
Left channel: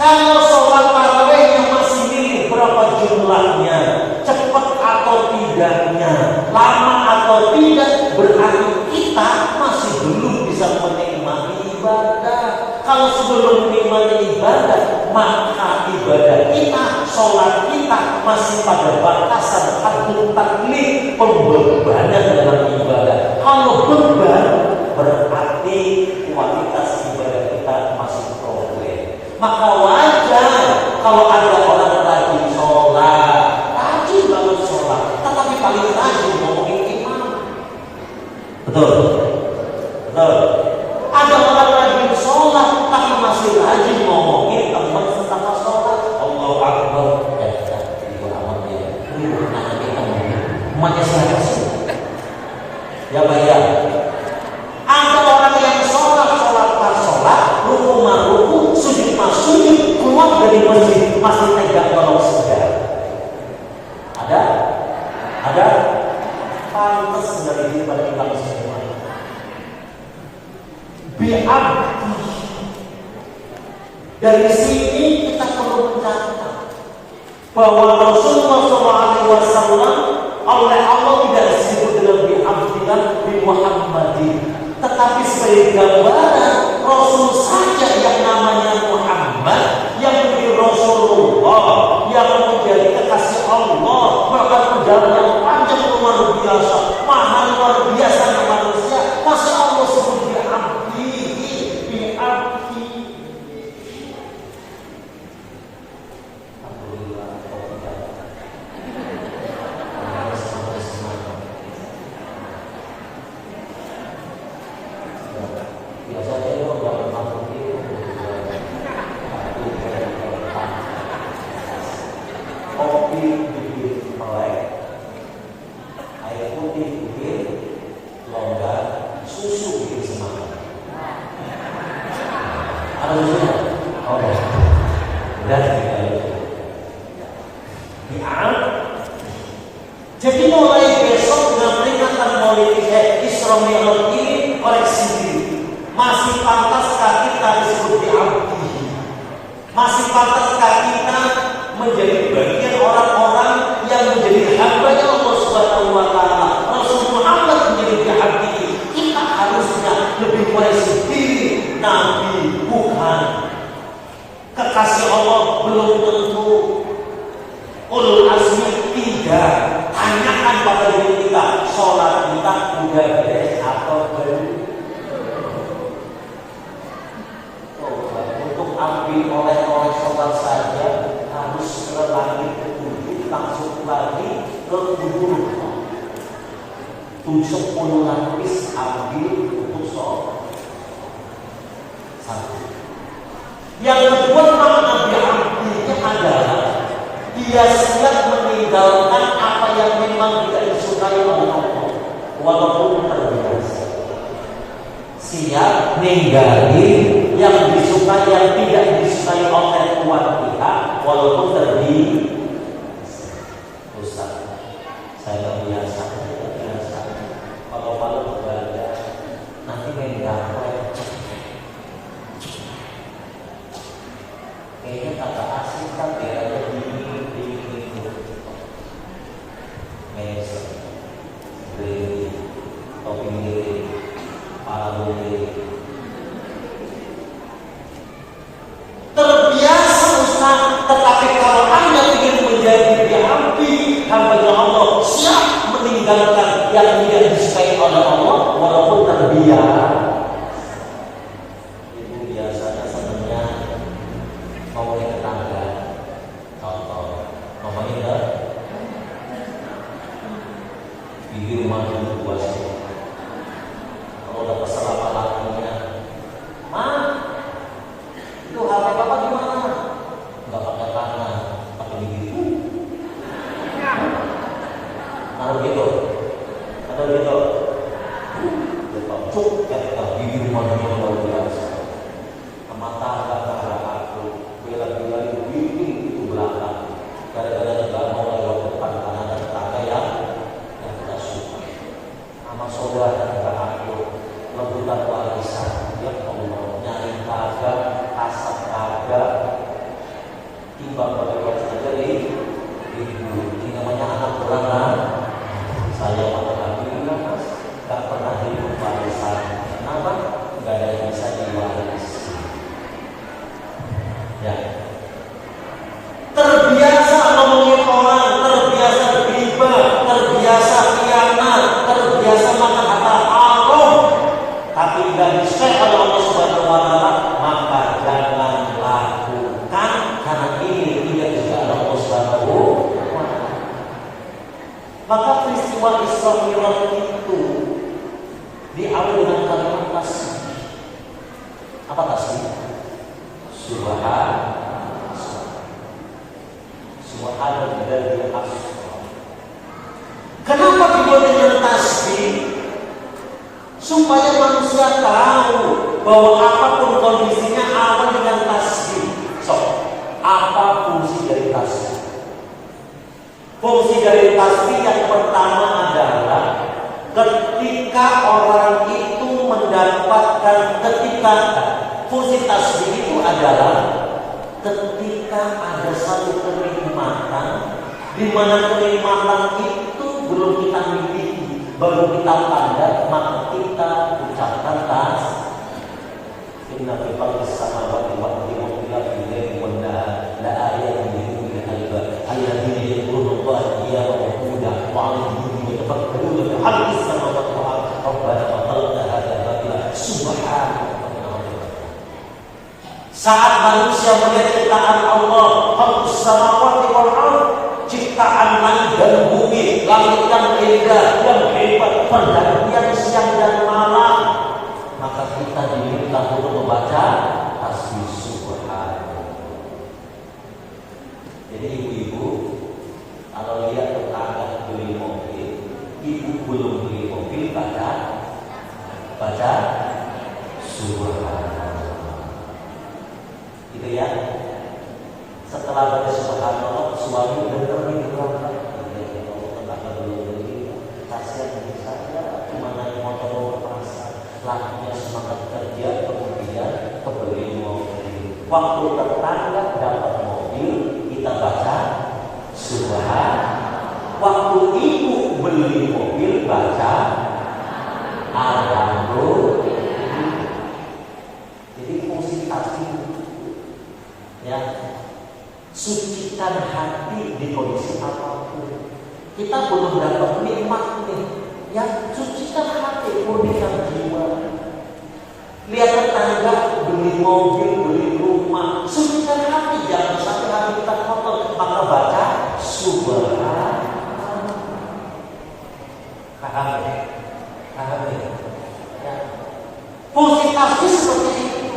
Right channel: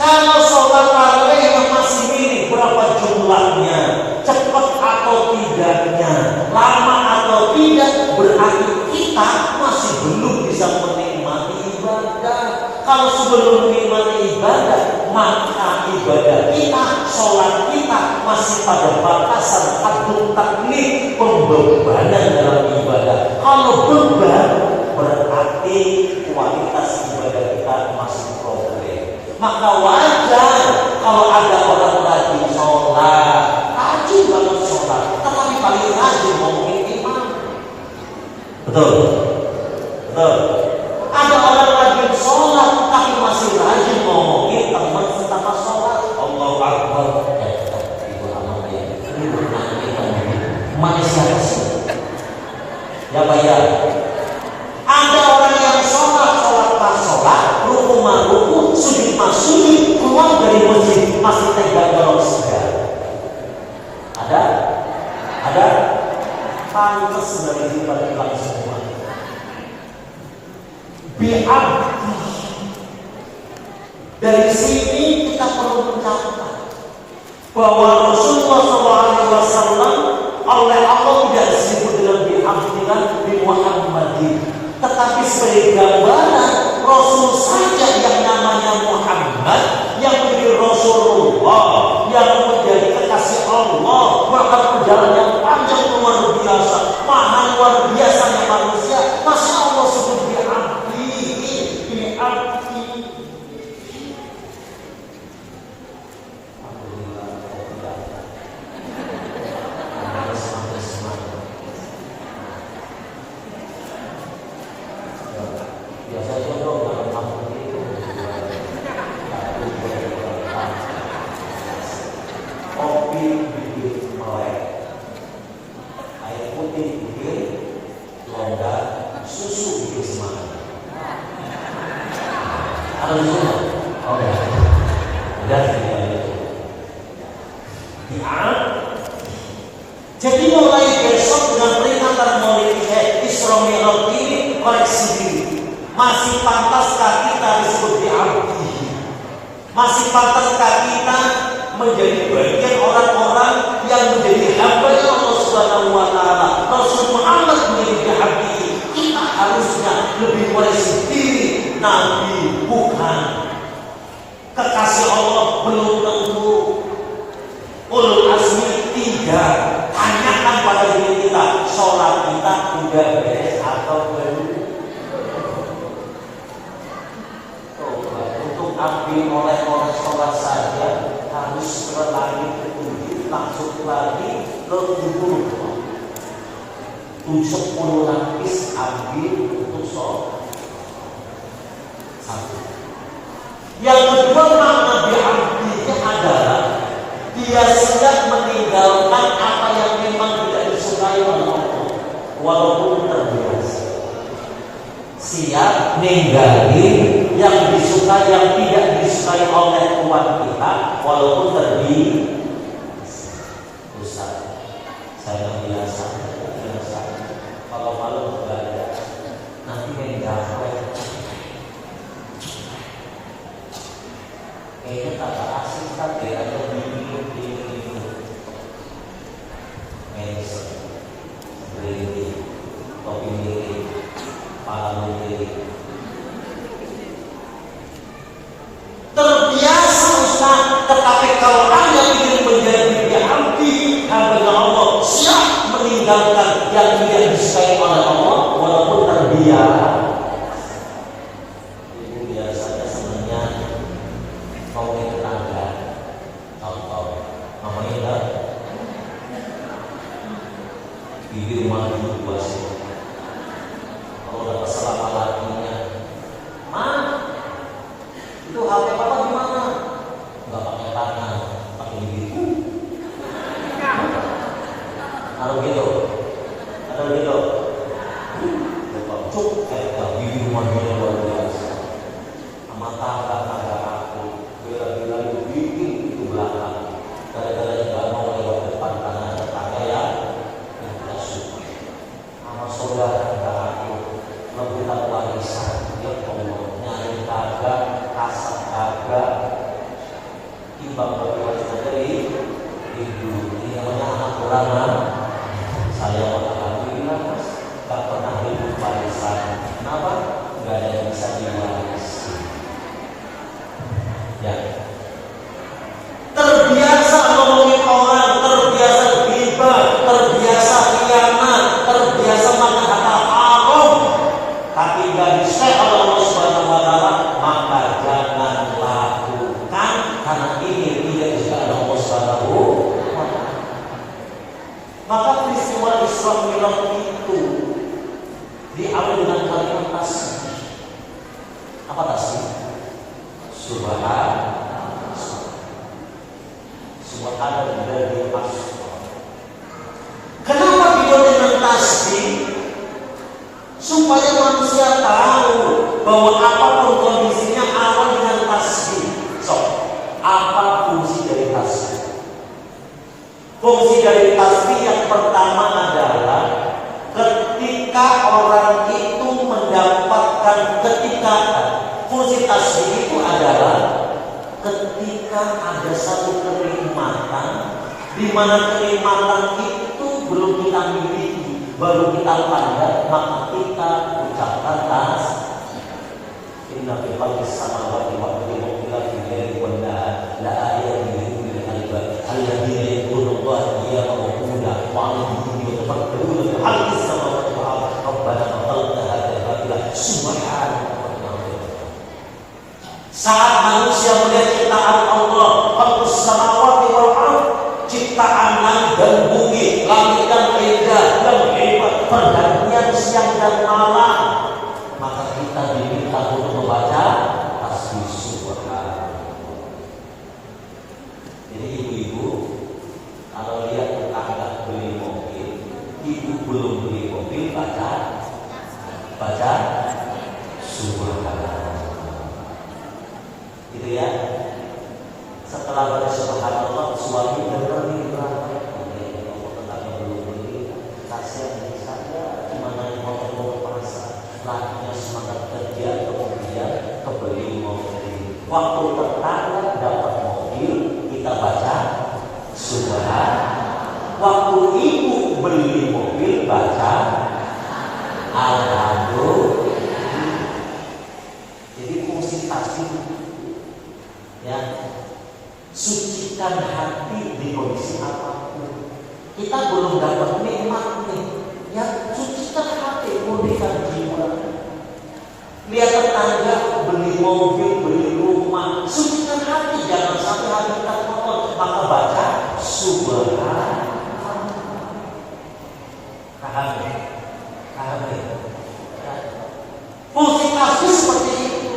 Kalau sholat tarawih masih minim berapa jumlahnya, cepat atau tidaknya, lama atau tidak, berarti kita masih belum bisa menikmati ibadah. Kalau sebelum menikmati ibadah, maka ibadah kita, sholat kita masih pada batasan haddut taklif, pembebanan dalam ibadah. Kalau beban, berarti kualitas ibadah kita masih problem. Maka wajar kalau ada orang rajin sholat, rajin banget sholat, tetapi paling rajin ngomongin imam. Betul? Betul. Ada orang rajin sholat, tapi masih rajin ngomongin teman setelah sholat. Allahu Akbar. Ya sudah, itu aman dia. Ini bukan kita emaknya siapa sih? Ya bayar. Ada orang yang sholat pas sholat, ruku maruku, sujud masujud, keluar dari masjid masih tega kalau sudah. Ada? Ada? Pantas dari diri pada hilang semua. Bi'abdi. Dari sini kita perlu mencatat bahwa Rasulullah SAW oleh Allah tidak disebut dengan bi'abdi dan bi Muhammadin, tetapi sebagai gambaran Rasul saja yang namanya Muhammad, yang menjadi Rasulullah, yang menjadi kekasih Allah, maka perjalanan panjang luar biasa, mahal luar biasa manusia, masih Allah sebut bi'abdi. Jadi mulai besok dengan peringatan Maulid Isra Mi'raj ini, koreksi diri, masih pantaskah kita disebut bi'abdi? Masih pantaskah kita menjadi bagian orang-orang yang menjadi hamba Allah Subhanahu wa Ta'ala? Rasul Muhammad menjadi bi'abdi. Kita harusnya lebih koreksi diri. Nabi bukan, kekasih Allah belum tentu, ulul azmi tidak. Tanyakan pada diri kita, sholat kita udah beres atau belum? Untuk ambil oleh sholat saja harus ke langit ke-7, langsung lagi ke 70 lapis ambil untuk sholat. Satu. Yang kedua, makna bi'abdinya adalah dia siap meninggalkan apa yang memang tidak disukai oleh Allah, walaupun terbiasa. Siap ninggalin yang disukai, yang tidak disukai oleh tuan kita, walaupun terbiasa. Ustaz, saya biasa. Kalau ibadah nanti mengganggu. Kayaknya kata asing kan dia ada di manajer, beli kopi milik, pala milik. Terbiasa Ustaz, tetapi kalau Anda ingin menjadi bi'abdi, hamba Allah, siap meninggalkan yang tidak disukai oleh Allah, walaupun terbiasa. Biasanya senangnya mau ke tetangga, contoh Itu HP Bapak gimana? Enggak pakai tangan, pakai begitu. Taruh gitu. Atau gitu. Cuk kayak bibir manusia luar biasa. Mata kata aku, bila-bila itu bikin itu belakang. Gara-gara nggak mau lewat depan karena ada tetangga yang tidak suka. Sama saudara aku, rebutan warisan, dia ngomong nyari kagak, asap kagak, timbang berwarisan dari ibu. Ini namanya anak beranak. Saya alhamdulillah mas, tak pernah hidup warisan. Kenapa? Gak ada yang bisa diwarisi. Ya. Terbiasa ngomongin orang, terbiasa ghibah, terbiasa khianat, terbiasa makan harta haram, tapi gak bisa oleh Allah Subhanahu wa taala, maka jangan lakukan karena ini tidak juga oleh Allah Subhanahu wa taala. Maka peristiwa Isra Mi'raj itu diawali dengan kalimat tasbih. Apa tasbih? Subhanallah. Subhanallah dari asma. Kenapa dibuat dengan tasbih? Supaya manusia tahu bahwa apapun kondisinya awal dengan tasbih. So, apa fungsi dari tasbih? Fungsi dari tasbih yang pertama adalah ketika orang itu mendapatkan fungsi tasbih itu adalah ketika ada satu kenikmatan di mana kenikmatan itu belum kita miliki, baru kita pandang, maka kita ucapkan tasbih. Inna fi khalqis samawati wal ardi wa ikhtilafil laili wan nahar la ayatin li ulil albab alladziina yadhkuruna Allaha qiyaman wa qu'udan wa 'ala junubihim yatafakkaruna fi khalqis samawati wal ardi rabbana ma khalaqta hadza batila subhanaka. Saat manusia melihat ciptaan Allah, khalqus samawati wal ardi, ciptaan langit dan bumi, langit yang indah dan hebat, pergantian siang dan malam, maka kita diminta untuk membaca tasbih subhanallah. Jadi ibu-ibu, kalau lihat tetangga beli mobil, ibu belum beli mobil, baca subhanallah. Gitu ya. Setelah baca subhanallah, suami dengar nih berapa? Tetangga belum beli, kasihan ini saja, cuma naik motor ke pasar. Lakinya semangat kerja, kemudian kebeli mobil. Waktu tetangga dapat mobil, kita baca subhanallah. Waktu ibu beli mobil, baca alhamdulillah. Jadi fungsi tasbih, ya, sucikan hati di kondisi apapun. Kita belum dapat nikmat nih, ya, sucikan hati, murnikan jiwa. Lihat tetangga beli mobil, beli rumah, sucikan hati, jangan sampai hati kita kotor. Maka baca subhanallah. Paham ya? Fungsi tasbih seperti itu.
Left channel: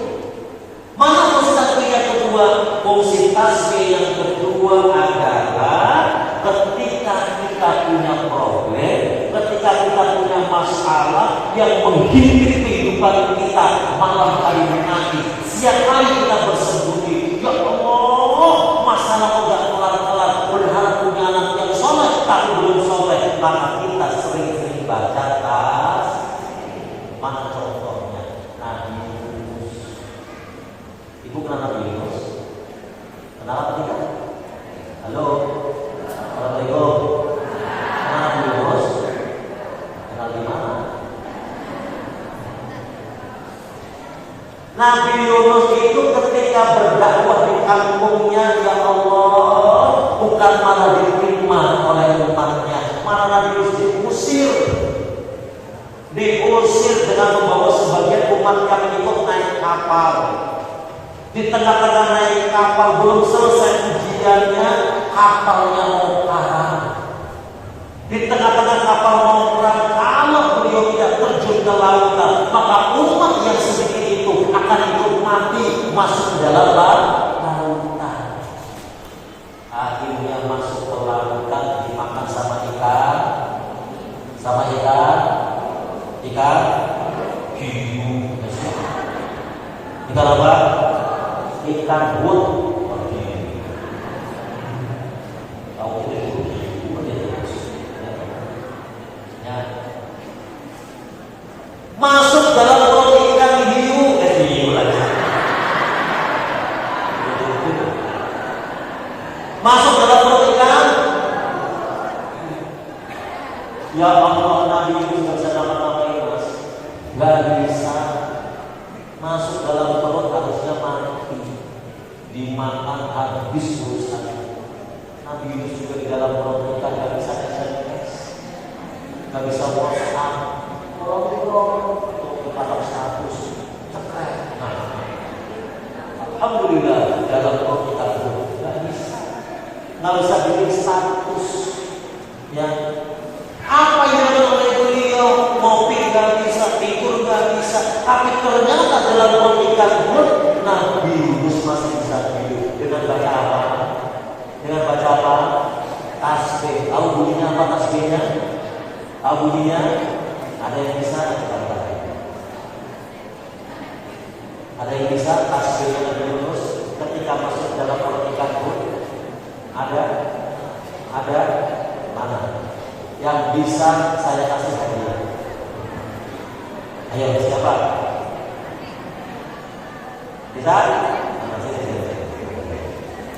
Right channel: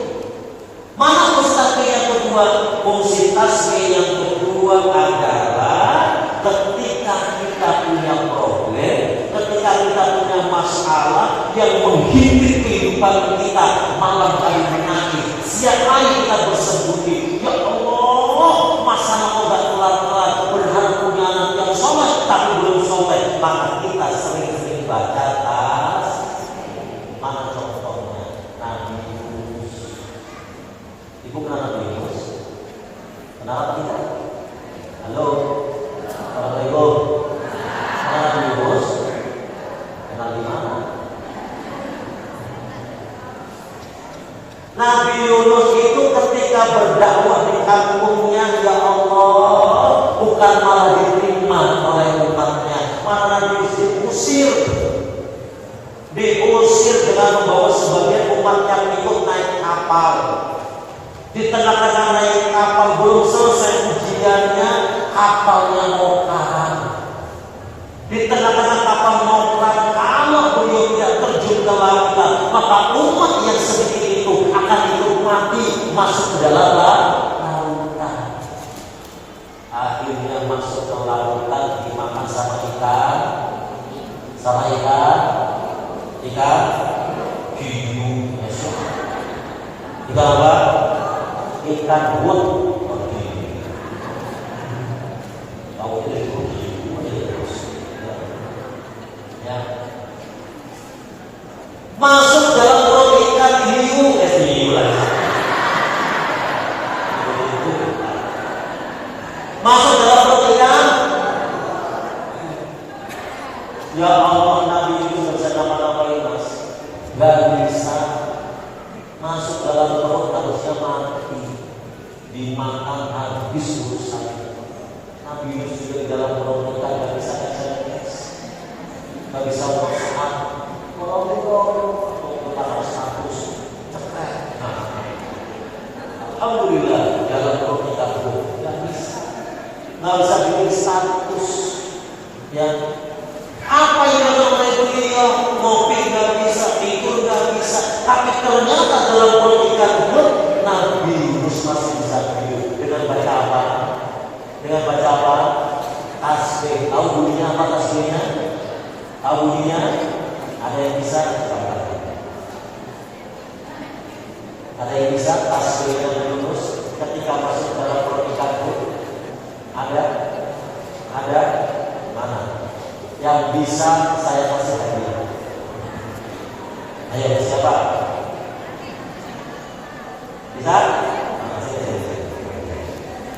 Mana fungsi tasbih yang kedua? Fungsi tasbih yang kedua adalah ketika kita punya problem, ketika kita punya masalah yang menghimpit kehidupan kita, malam hari menangis, siang hari kita bersembunyi, ya Allah, masalah udah kelar-kelar, berharap punya anak yang soleh tapi belum soleh, maka kita sering-sering baca tasbih. Mana contohnya? Nabi Yunus. Ibu kenal Nabi Yunus? Kenal apa kita? Halo? Assalamualaikum. Kenal Nabi Yunus? Kenal di mana? Nabi Yunus itu ketika berdakwah di kampungnya, ya Allah, bukan malah diterima oleh umatnya, malah diusir dengan membawa sebagian umat yang ikut naik kapal. Di tengah-tengah naik kapal, belum selesai ujiannya, kapalnya mau karam. Di tengah-tengah kapal mau karam, kalau beliau tidak terjun ke lautan, maka umat yang sedikit itu akan ikut mati masuk ke dalam lautan. Akhirnya masuk ke lautan, dimakan sama ikan, ikan hiu, ikan apa? Ikan but. Tahu itu ya. Masuk dalam perut ikan hiu, masuk dalam perut ikan. Ya Allah, Nabi itu nggak bisa nama-namain mas, nggak bisa masuk dalam perut, harusnya mati, dimakan habis urusan. Nabi itu juga di dalam perut kita nggak bisa SMS, nggak bisa WhatsApp, ketara status, cerai. Alhamdulillah dalam perut kita nggak bisa bikin status yang apa yang namanya beliau, ngopi nggak bisa, tidur nggak bisa, tapi ternyata dalam perut ikan but Nabi masih bisa tidur dengan baca apa? Dengan baca apa? Tasbih. Tahu bunyinya apa tasbihnya? Tahu bunyinya? Ada yang bisa? Ada yang bisa tasbihnya terus ketika masuk dalam perut ikan but? Ada mana? Yang bisa saya kasih hadiah. Ayo siapa? Bisa?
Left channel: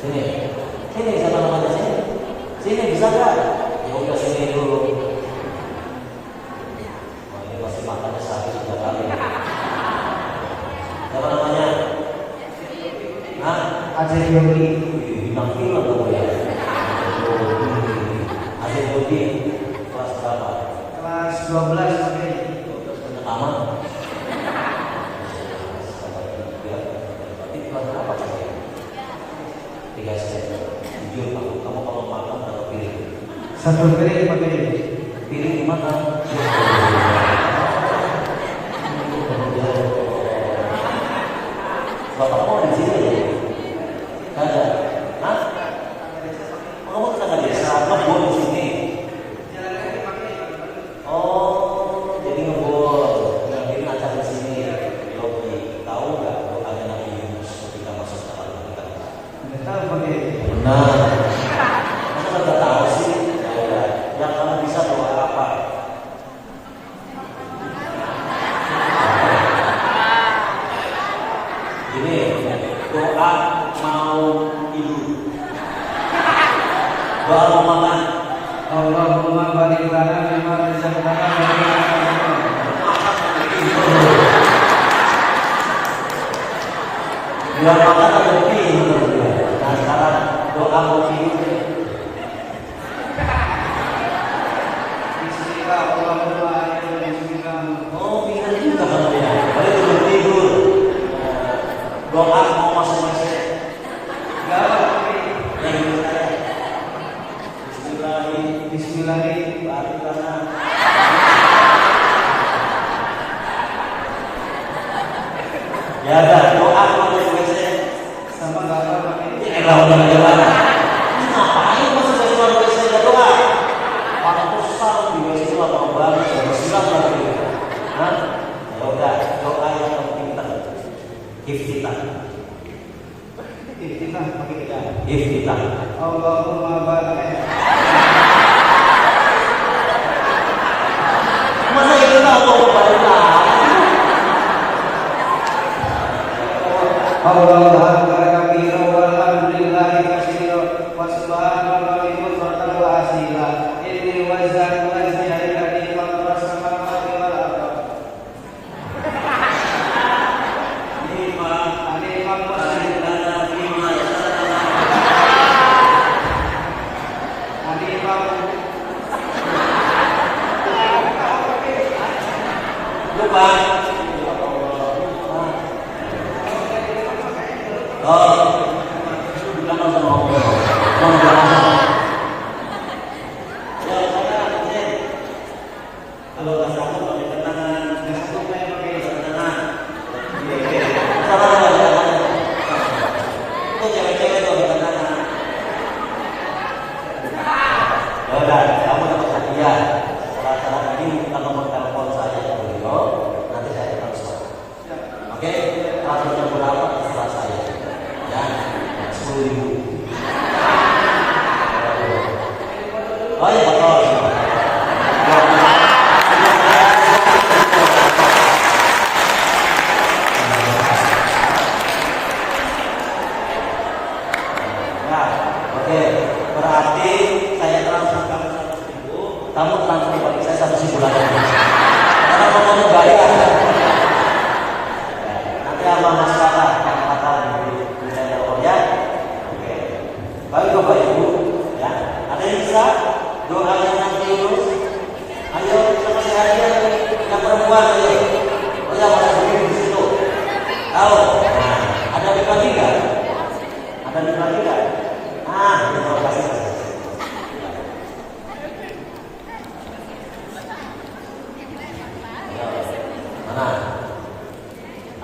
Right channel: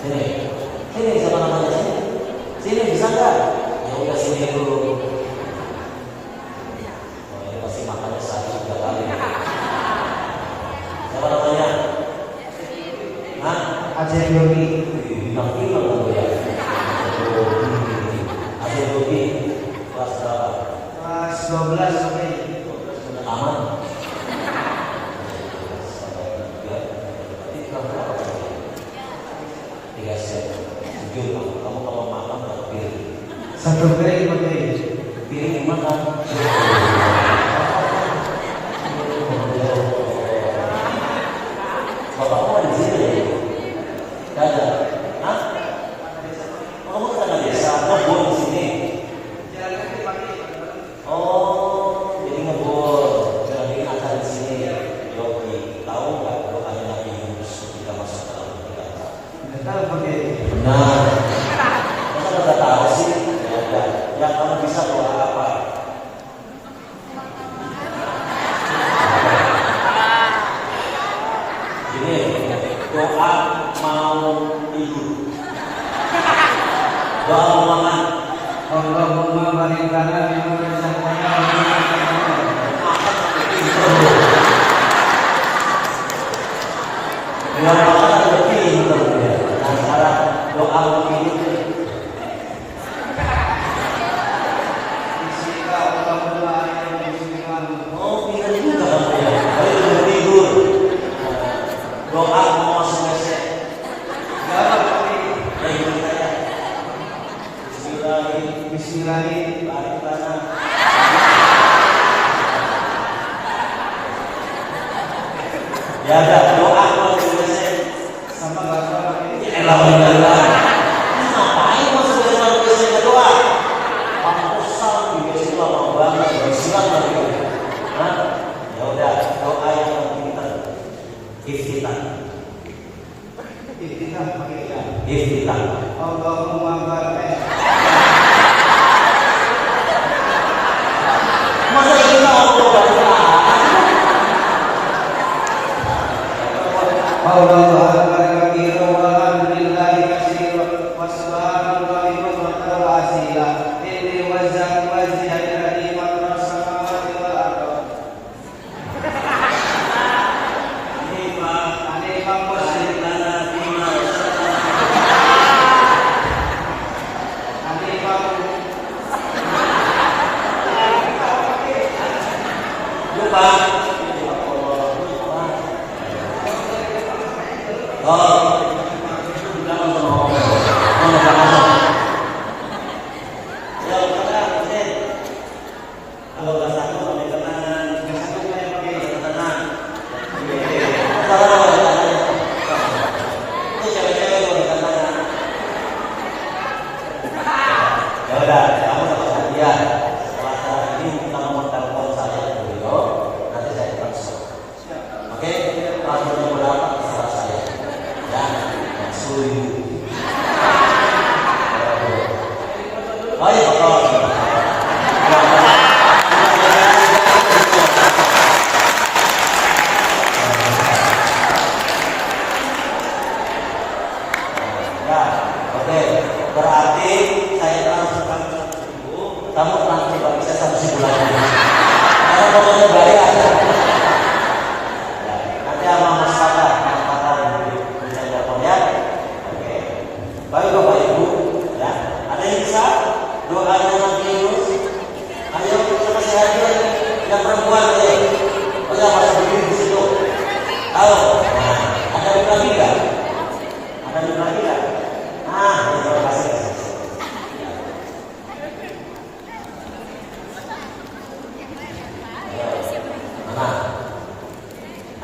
Sini siapa namanya sini? Sini bisa nggak? Ya udah sini dulu. Oh ini pasti makannya 1-3 kali. Siapa namanya? Nah, Aceh Yogi. Bilang film dong ya. Aceh Yogi. Kelas berapa? Kelas 12 sampai. Sudah lama. Kamu kalau makan berapa piring? 1 piring pakai piring gimana? Bapak mau di sini ya? Tidak ada. Hah? Kamu tetangga desa, mau di sini? Oh, jadi ngebor. Jadi acara di sini. Yogi, tahu nggak doanya Nabi Yunus ketika masuk ke dalam kita? Tidak tahu pakai. Benar. Masa udah tahu sih? Ya udah. Yang kamu bisa doa apa? Ini doa mau hidup. Doa mau makan. Allahumma barik lana fima razaqtana wa doa makan atau hidup. Nah, sekarang doa mau hidup. Oh, pintar juga kamu ya. Baru belum tidur. Doa mau masuk WC. Bismillahirrahmanirrahim. Ya ada doa mau masuk WC. Sama nggak apa-apa. Alhamdulillah. Ngapain masuk WC nggak doa? Aku salah di WC itu apa banget? Silang lagi. Nah, ya udah doa yang paling pintar. Iftitah. Iftitah. Allahumma barik. Masa kita Allahumma barik? Allahu akbar kabira walhamdulillahi katsira wa subhanallahi bukratan wa asila. Inni wazan wazhiya alladhi fatara samawati wal ardh. 10.000. Baik, kalau berarti saya transferkan kamu transfer bagi saya sampai sebulan lagi. Karena pokoknya bayar. Nanti sama Mas Fatah di telepon ya. Oke. Baik Bapak Ibu, ya. Ada yang bisa doanya nanti terus. Ayo sama saya aja yang perempuan ayo. Oh ya Mas berdiri di situ. Tahu? Nah, ada di lagi enggak? Ada di lagi enggak? Nah, terima kasih.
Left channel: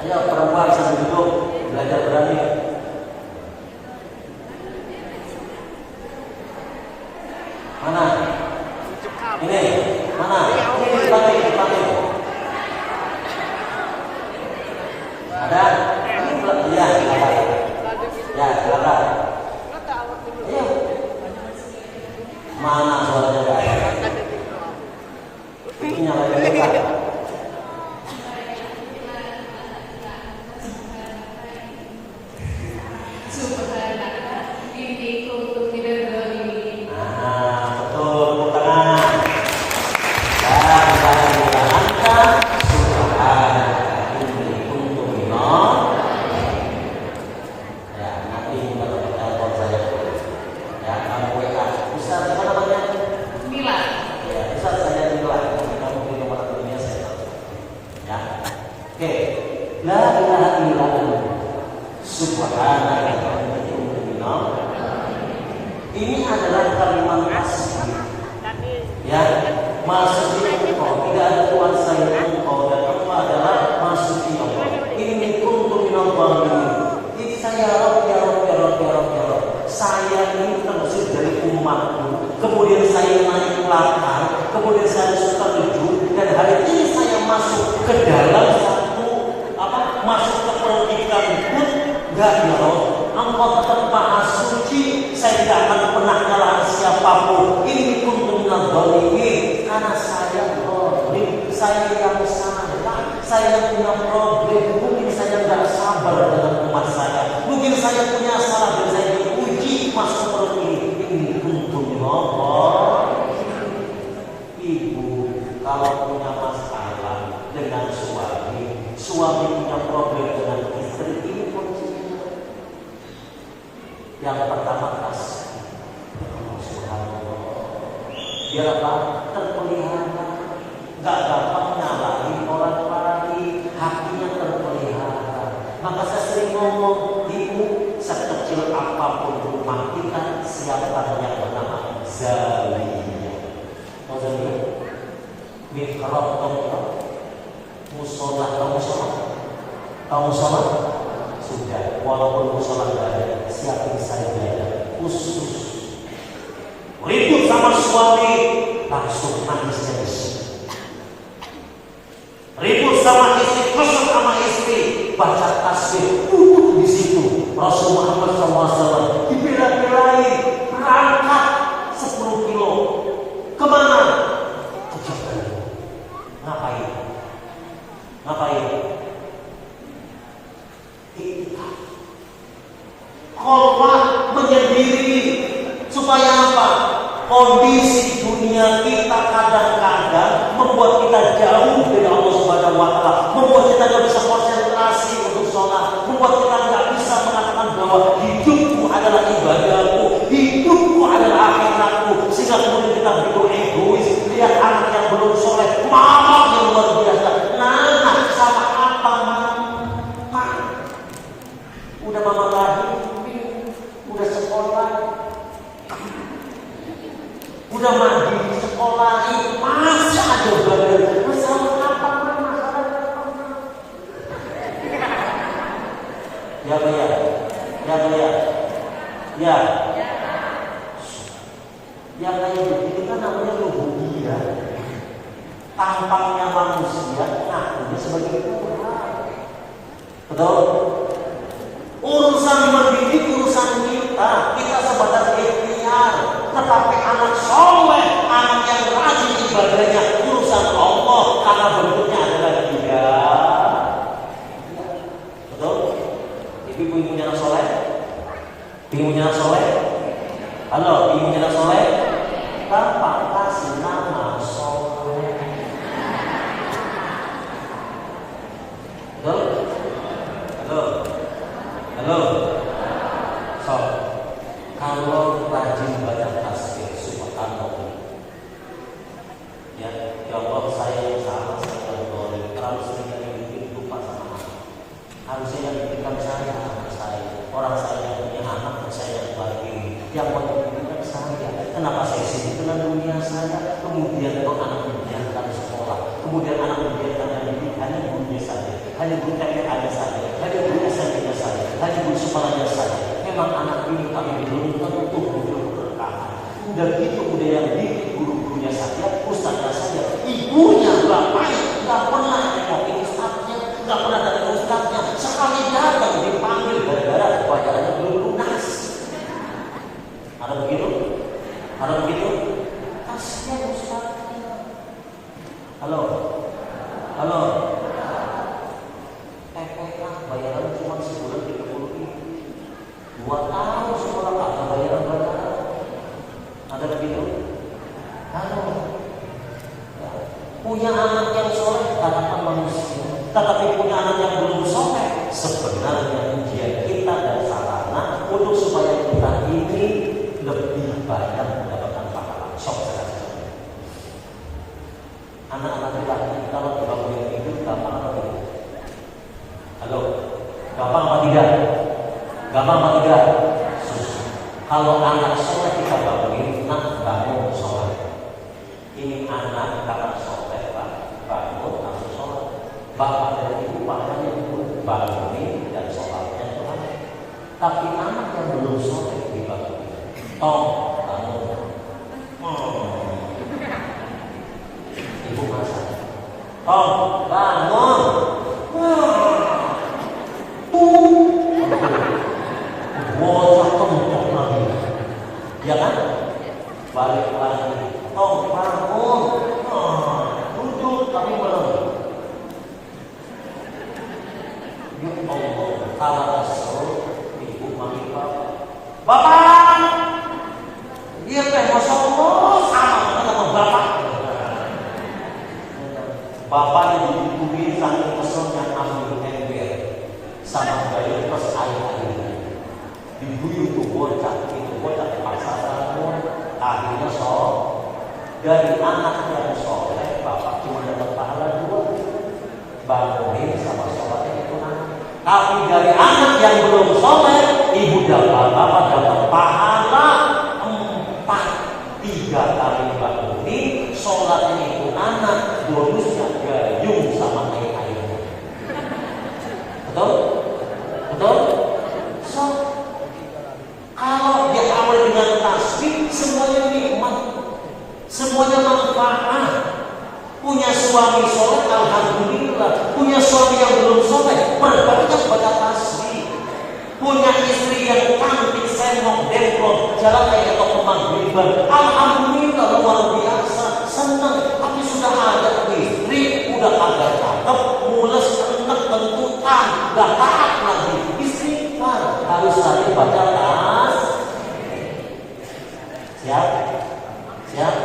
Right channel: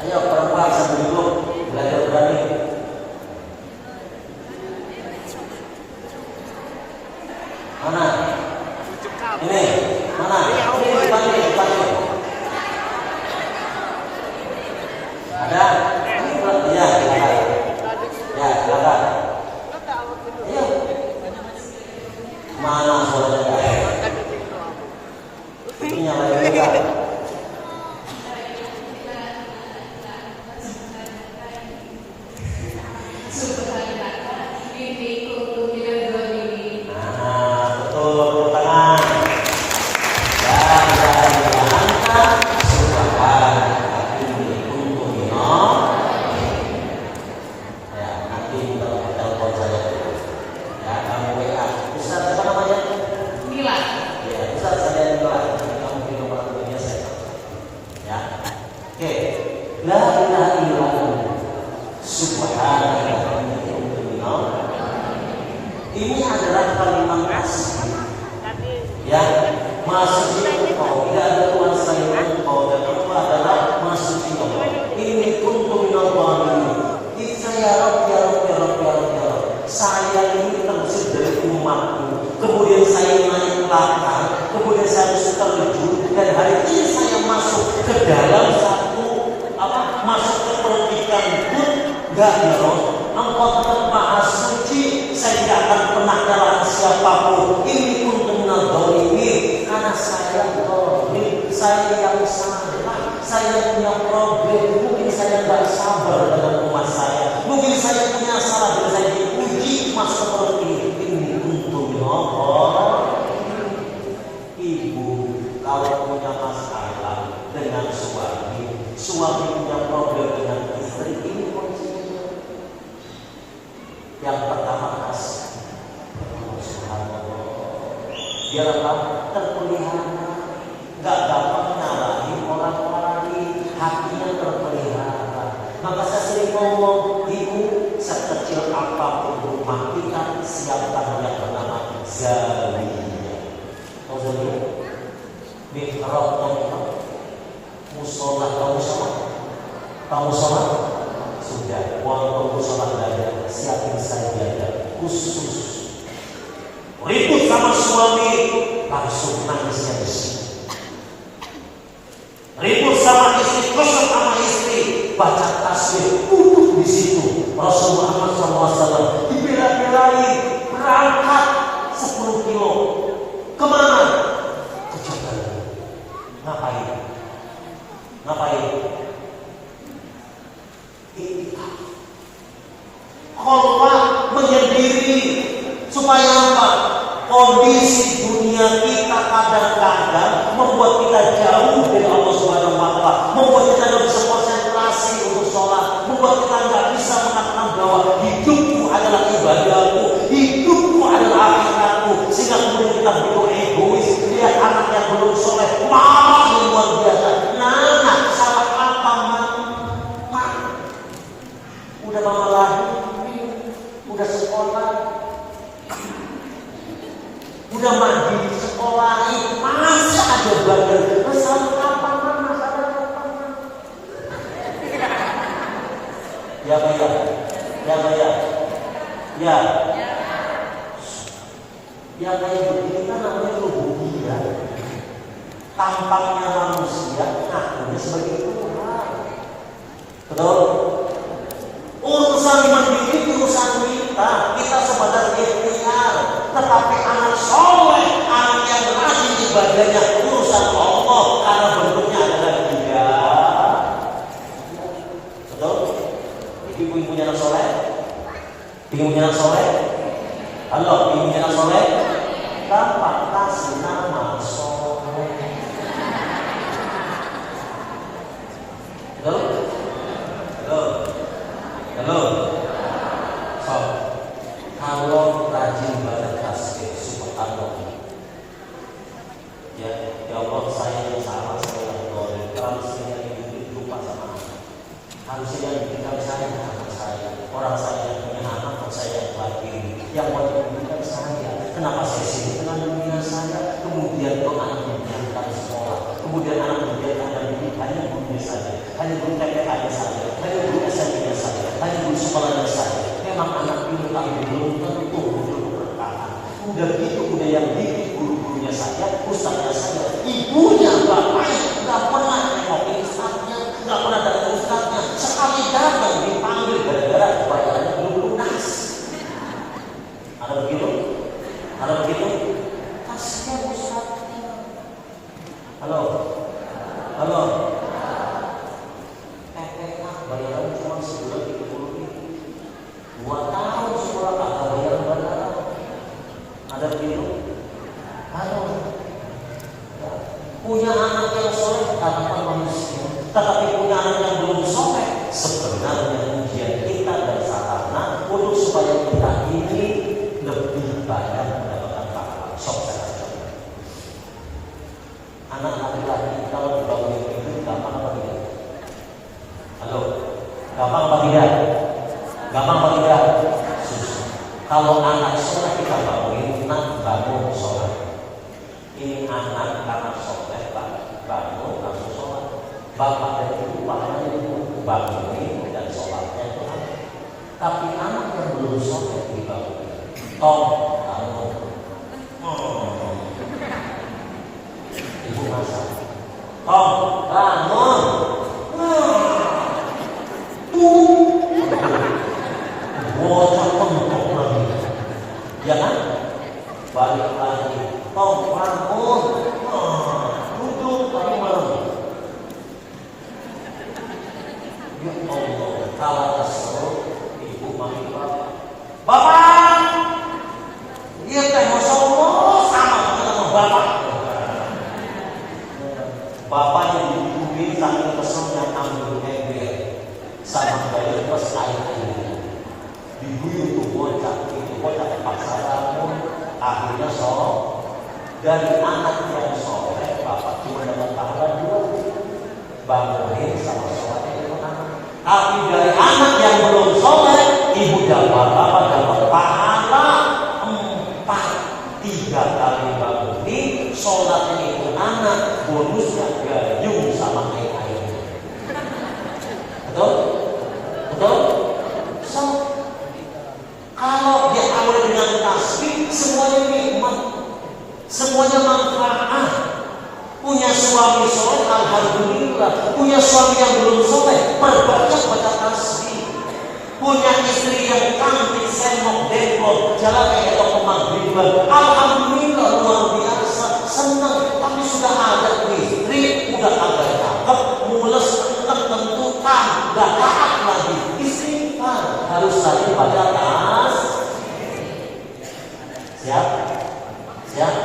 Ayo perempuan sambil duduk belajar berani. Mana? Ini mana? Ini dipanggil. Ada? Ya, silakan. Ya, silakan. Ayo. Mana suaranya enggak? Ini nyalain juga. La ilaha illallah subhanallah. Ini adalah kalimat asli. Ya, masuk di engkau, tidak ada Tuhan selain engkau, dan engkau adalah masuk di Allah. Ini kuntu minallah ini. Saya Rabb, ya Rabb, ya Rabb, ya Rabb, ya Rabb. Saya ini terjun dari umatku. Kemudian saya naik langkah, kemudian saya masuk terjun, dan hari ini saya masuk ke dalam masuk ke perdikan pun enggak ya Rob. Allah tetap maha suci. Saya tidak akan pernah kalah siapapun. Ini pun benar dolimi. Karena saya dolim. Saya yang salah. Saya punya problem. Mungkin saya tidak sabar dengan umat saya. Mungkin saya punya salah dan saya diuji masuk seperti ini. Ini untuk Allah. Ibu kalau punya masalah dengan suami punya problem dengan istri, ini kuncinya. Yang pertama kasih. Biar apa? Terpelihara. Gak gampang nyalahin orang lain. Hatinya terpelihara. Maka saya sering ngomong, ibu sekecil apapun rumah kita, siapkan yang bernama zawiyah. Tahu zawiyah? Mikrot musola kamu sholat sudah, walaupun sholat ada siapin saja khusus. Ribut sama suami langsung nangisnya di sini. Ribut sama istri, kesel sama istri, baca tasbih di situ. Rasulullah SAW dibela-belain berangkat 10 kilo kemana? Ke Jakarta. Ngapain? Khulwah menyendiri supaya apa? Kondisi dunia kita kadang-kadang membuat kita jauh dari Allah Subhanahu wa taala, membuat kita tidak bisa konsentrasi untuk sholat, membuat kita tidak bisa mengatakan bahwa hidupku adalah ibadahku, hidupku adalah akhiratku, sehingga kemudian kita begitu egois, lihat anak yang belum soleh, mama yang luar biasa, sama apa udah mama lahir, udah sekolah, udah mandi di sekolah, masih ada badan bersama apa ya kayak begini kan namanya rububiyah. Tampangnya manusia, ngakunya sebagai Tuhan. Betul? Urusan mendidik, urusan minum punya anak soleh? Pingin punya anak soleh? Halo, pingin punya anak soleh? Gampang, kasih nama soleh. Halo? Halo? Halo? So, kalau rajin baca tasbih subhanallah, ya Allah, saya yang salah, saya yang boleh. Kalau saya yang bikin lupa sama harusnya yang diberikan saya sama saya. Orang saya yang punya anak, saya yang bahagia. Yang wajib diberikan saya. Kenapa saya sibuk dengan dunia saya? Kemudian kok anak membiarkan sekolah, kemudian anak membiarkan yang didik hanya gurunya saja, hanya guru TK-nya saja, hanya guru SMP-nya saja, hanya guru sekolahnya saja. Memang anak ini tapi belum tentu berkah. Udah gitu, udah yang didik guru-gurunya saja, ustaznya saja, ibunya, bapaknya nggak pernah nengokin ustaznya, nggak pernah datang ustaznya. Sekali datang dipanggil gara-gara bayarannya belum lunas. Ada begitu? Ada begitu? Kasihan ustaznya. Halo? Halo? TPK bayaran cuma sebulan 30.000. 2 tahun sekolah tak bayaran. Ada begitu? Halo? Punya anak yang soleh tanpa manusia, tetapi punya anak yang belum soleh. Sebenarnya ujian kita dan sarana untuk supaya kita ini lebih banyak mendapatkan pahala. Sok saja. Anak laki-laki kalau dibangun hidup gampang apa tidak? Halo, gampang apa tidak? Gampang apa tidak? Susah. Kalau anak soleh kita bangunin, nak bangun soleh. Ini anak soleh, pak, bangun langsung soleh. Bapak dan ibu bapaknya itu bangunin dan sholatnya Tuhan. Tapi anak yang belum soleh dibangunin. Bangun. Ibu masak. Bangun. Bocah pentok lagi. Ya kan? Balik lagi. Bangun. Duduk tapi malam. Ya Allah, kalau kesel ibu manggil bapak. Dia teh Masya Allah sama bapak. Bapak yang dibubuhin saking keselnya ambil ember sama gaya terus air-airnya. Diguyur tuh bocah terpaksa bangun. Akhirnya dari anak yang soleh, bapak cuma dapat pahala 2, bangunin sama sholatnya itu anak. Tapi dari anak yang belum soleh, ibu dan bapak dapat pahala 4, 3 kali bangunin, sholatnya itu anak, bonusnya gayung sama air-airnya. Betul? Betul? So, kalau dia awal dengan tasbih, semuanya nikmat, semuanya manfaat. Punya suami soleh, alhamdulillah. Punya suami yang belum soleh, perbanyak baca tasbih. Punya istri yang cantik, senok, dempol, jalan kayak toko maghrib, alhamdulillah, luar biasa, senang. Tapi sudah ada istri, udah agak cakep, mules, tentukan, gak taat lagi. Istighfar, harus saja baca tasbih. Siap? Siap?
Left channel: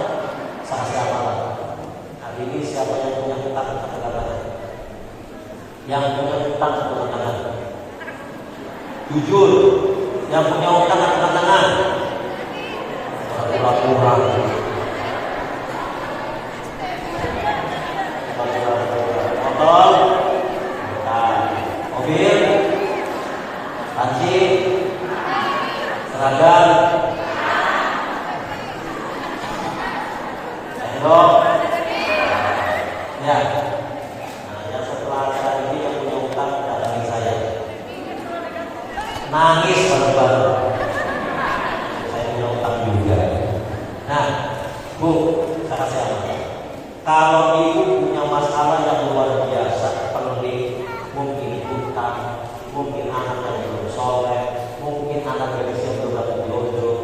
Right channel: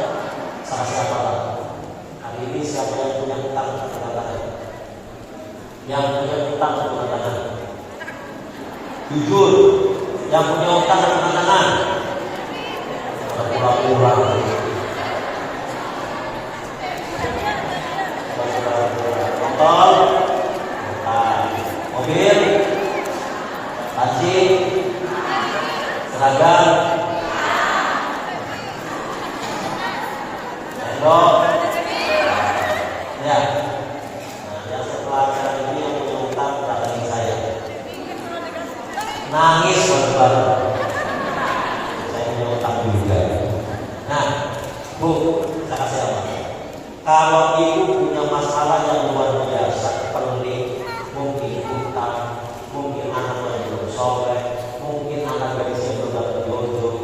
Sama-sama. Hari ini siapa yang punya hutang angkat tangan? Yang punya hutang angkat tangan. Jujur, yang punya hutang angkat tangan. Kurang. Motor, mobil, taksi, seragam. Ya, yang setelah ini yang punya hutang datangi saya. Nangis baru-baru. Saya punya hutang juga. Nah, Bu, saya kasih tahu. Kalau ibu punya masalah yang luar biasa, pelik, mungkin hutang, mungkin anak yang belum soleh, mungkin anak gadis yang belum dapat jodoh,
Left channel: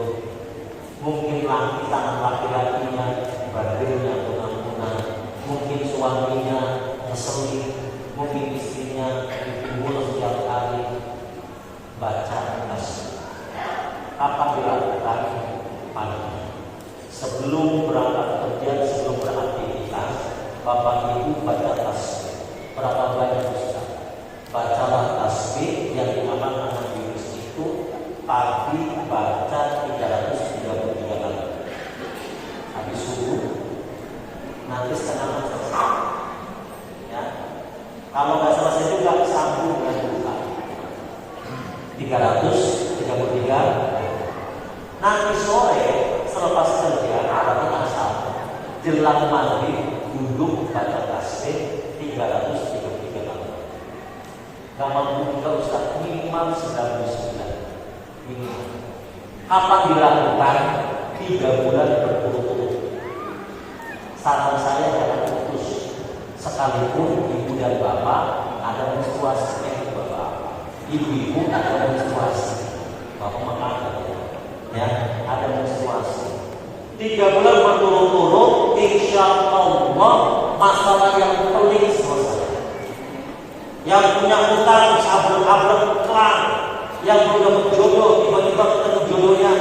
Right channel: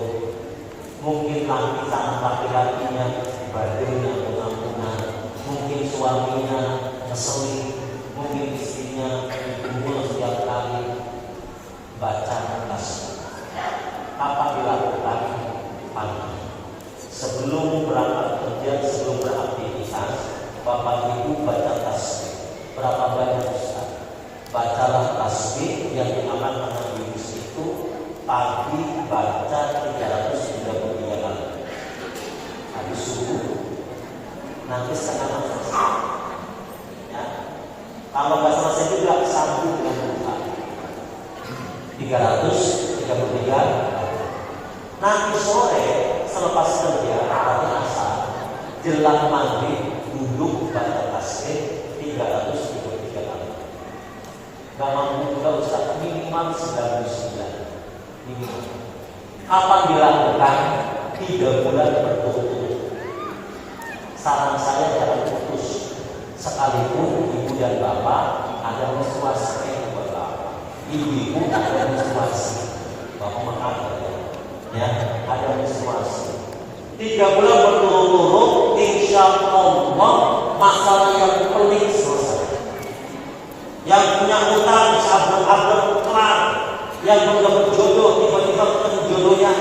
mungkin laki-lakinya badannya unang-unang, mungkin suaminya ngeselin, mungkin istrinya bikin mulut setiap kali. Baca baca tasbih. Apa dilakukan? Pagi. Sebelum berangkat kerja, sebelum beraktivitas, Bapak Ibu baca tasbih. Berapa banyak Ustaz? Bacalah tasbih yang diamalkan Nabi Yunus itu pagi baca 333 kali. Habis subuh nanti setengah selesai. Ya. Kalau nggak selesai juga sambung dengan buka 333. Nanti sore selepas kerja berarti asar jelang maghrib duduk baca tasbih 333 kali. Gak mampu juga Ustaz, minimal 99 minimal. Apa dilakukan 3 bulan berturut-turut. Saran saya jangan putus. Sekalipun ibu dan bapak ada menstruasi, ibu-ibu ada menstruasi, bapak makan ya, ada menstruasi. 3 bulan berturut-turut, insya Allah masalah yang pelik selesai. Yang punya utang sabuk-sabuk kelar, yang belum jodoh tiba-tiba ketemu jodohnya,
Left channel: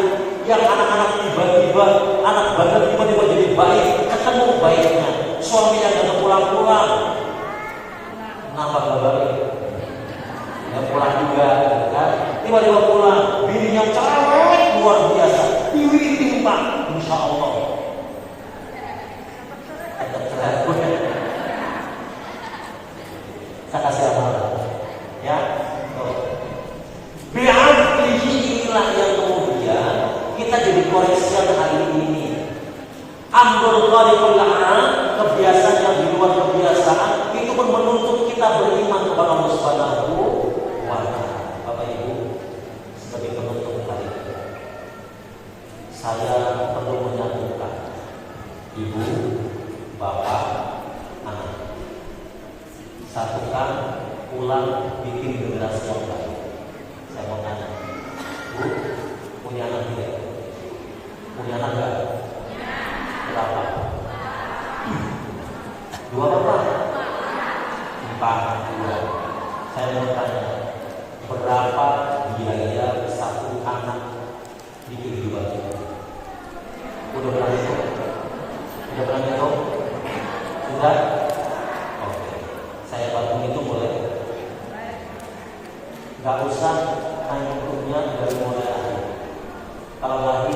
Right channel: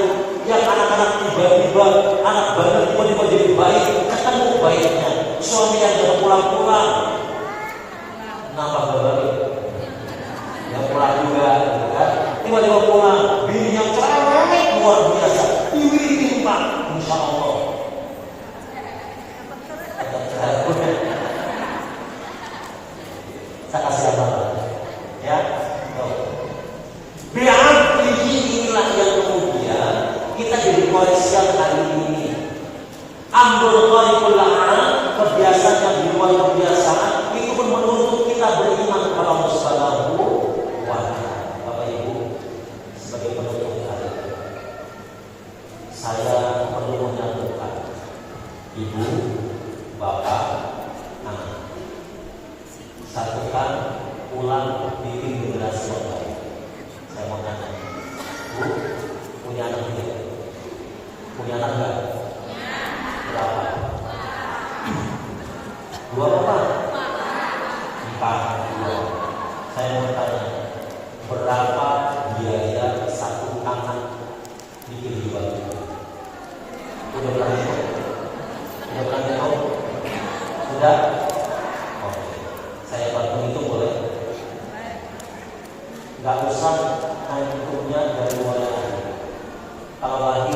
yang anak-anak tiba-tiba anak bandel tiba-tiba jadi baik, ketemu baiknya, suami yang jangan pulang-pulang, kenapa gak balik? Gak pulang juga, kan? Tiba-tiba pulang, bininya cerewet luar biasa, diwiritin Pak, insya Allah. Saya kasih amalan, ya. Biarpun inilah yang kemudian kita jadi koreksian hari ini. Ambil qaribul a'an, kebiasaan yang di luar kebiasaan, itu pun menuntut kita beriman kepada Allah Subhanahu wa ta'ala. Bapak Ibu, sebagai penutup hari ini, saya perlu menyatukan ibu, bapak, anak. Satukan, ulang, bikin generasi yang baik. Saya mau tanya, Bu, punya anak tidak? Punya anak enggak? Berapa? 2 apa? 4. 2. Saya mau tanya, berapa biaya satu anak bikin 2 juta? Sudah berapa itu? Sudah berapa itu? Sudah? Oke. Saya bantu itu boleh? Gak usah punya dari mulai lahir. Kalau lahir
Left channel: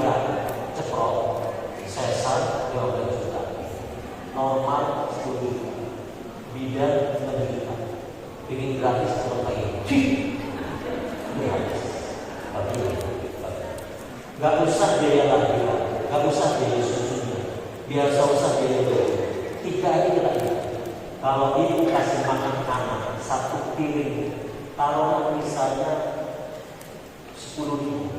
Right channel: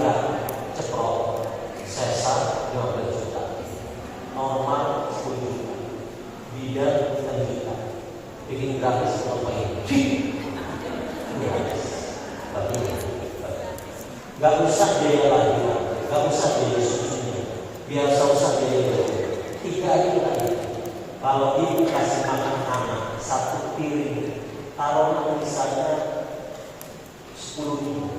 ceplok, sesar 12 juta, normal 10 juta, bidan 6 juta, bikin gratis kalau bayi, gratis. Gak usah biaya lahir, gak usah biaya susunya, biar usah biaya itu. 3 aja kita lihat. Kalau ibu kasih makan anak 1 piring, kalau misalnya 10.000,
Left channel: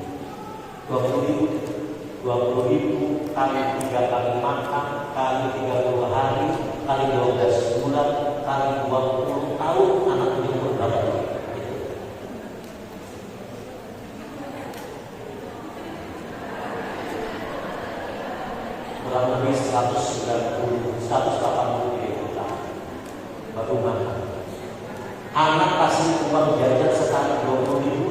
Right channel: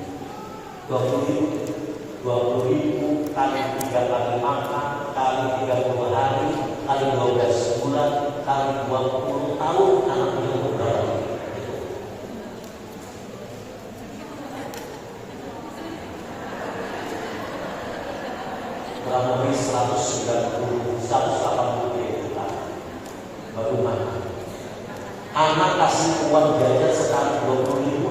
20.000 kali 3 kali makan, kali 30 hari, kali 12 bulan, kali 20 tahun, anak punya umur berapa? Kurang lebih 180 juta baru makan. Anak kasih uang jajan sekali 20.000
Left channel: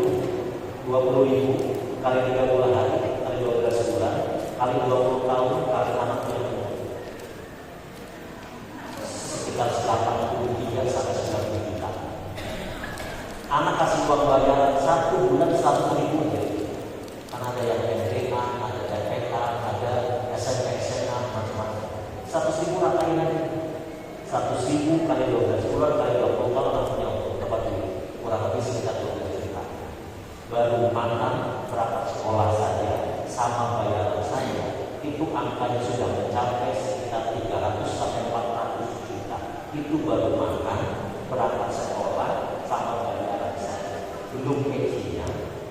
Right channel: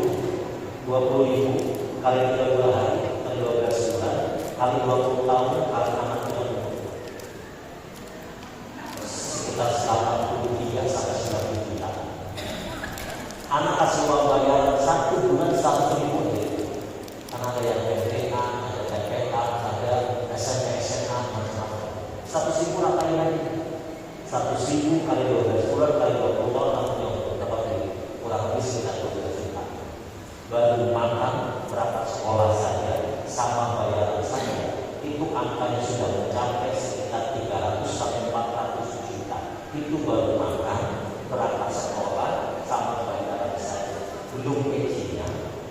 kali 30 hari, kali 12 bulan, kali 20 tahun, kali anaknya sekitar 83 sampai 90 juta. Anak kasih uang bayaran 1 bulan 1.000 ya. Karena ada yang PPK, ada PPK, ada SMP, SMA, macam-macam. 100.000 rakyat ini. 100.000 kali 12 bulan, kali 20 tahun, anaknya berapa duit? Kurang lebih sekitar 12 juta. Baru makan berapa sekolah saja sama bayaran saya itu angkanya sudah mencapai sekitar 300 sampai 400 juta. Itu baru makan berapa sekolah sama bayaran saya, belum gajinya,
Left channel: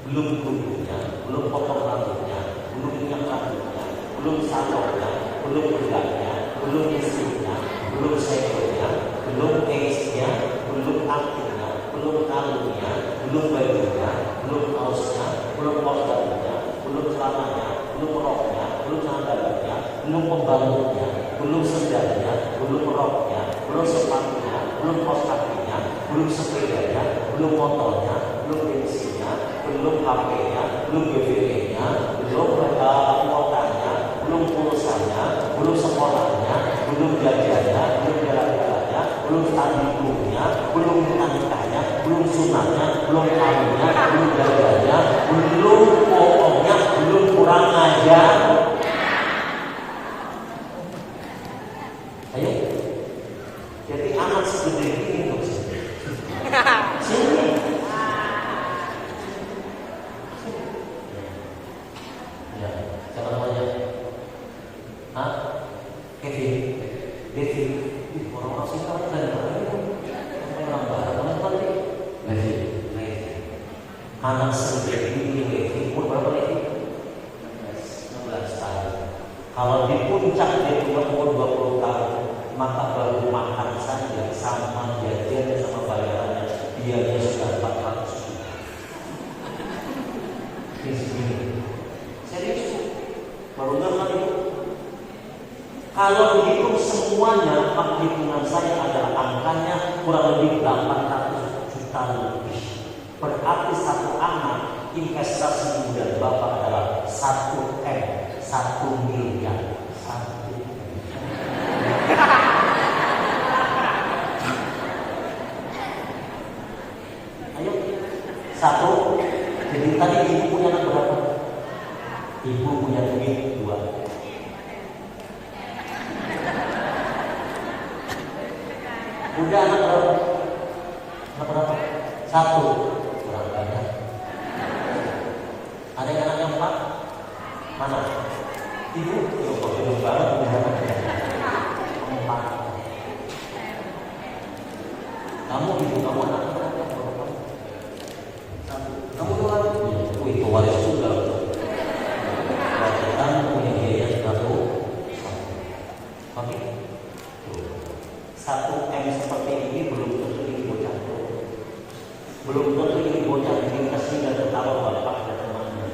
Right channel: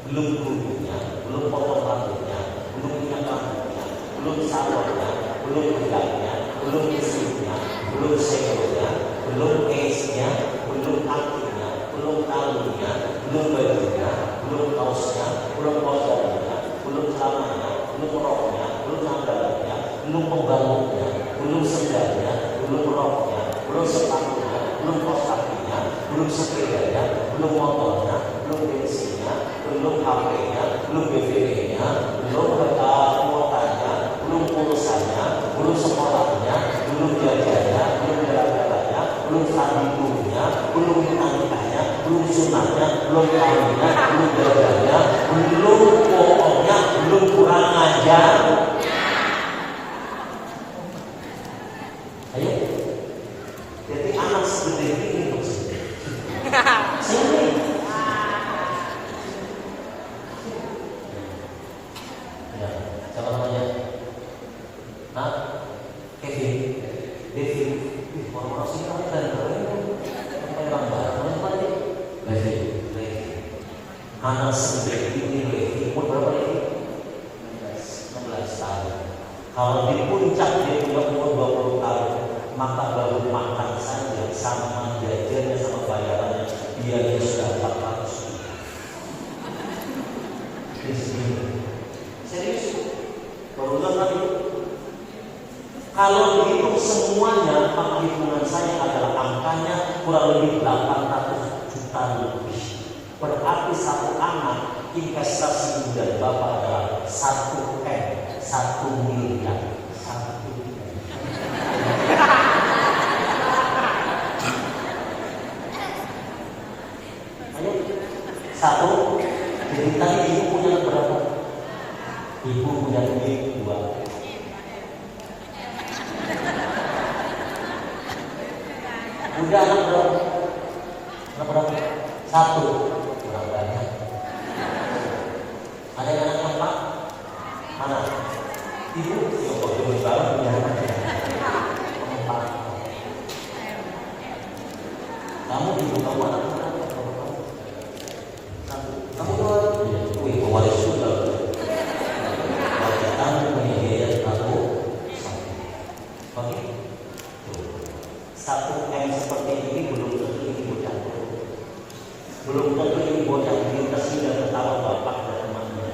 belum gurunya, belum potong rambutnya, belum minyak rambutnya, belum salonnya, belum gudangnya, belum istrinya, belum sekolah, belum esnya, belum aktinya, belum kalungnya, belum bajunya, belum kaosnya, belum posternya, belum celananya, belum roknya, belum sandalnya, belum pembangunnya, belum sendalnya, belum roknya, belum sepatunya, belum kaos kakinya, belum sepedanya, belum motornya, belum bensinnya, belum HP-nya, belum BBM-nya, belum kuotanya, belum pulsanya, belum sekolahnya, belum jajannya, belum jalan-jalannya, belum tandingnya, belum nikahnya, belum sunahnya, belum kawinnya, belum jajannya, belum pokoknya, belum kurang ajar. Ayo, jadi anak segede ini loh. Sini. Ya, siapa namanya? Hah? Kevin. Devin. Orang asing kamu kan memang barangnya tadi. Levi. Anak segede ini Levi umur berapa Levi? 16 tahun. Kalau di puncak dia umur 20 tahun, maka baru makan saja sama jajannya sama bayarannya biaya sudah 400. Serius? Baru nggak itu? Kalau begitu semuanya perhitungan saya adalah angkanya kurang lebih 800 juta lebih. Berarti satu anak investasi dan bapak adalah 1 M, 1 miliar. Ayo, 1. Jadi tadi ibu punya berapa? Ibu punya duit 2. Udah anak berapa? Anak berapa? 1. Kurang banyak. Ada yang anaknya 4? Mana? Ibu? Ya kok belum banget punya anak. 4. Kamu ibu kamu anak berapa? 1. Kamu tuh kan? Wih, waris juga. Kamu punya biaya 1. Oke. 1 M seperti ini belum tentu ini bocah. Belum tentu ini bocah ini kasih dan ketawa bapak dan temannya.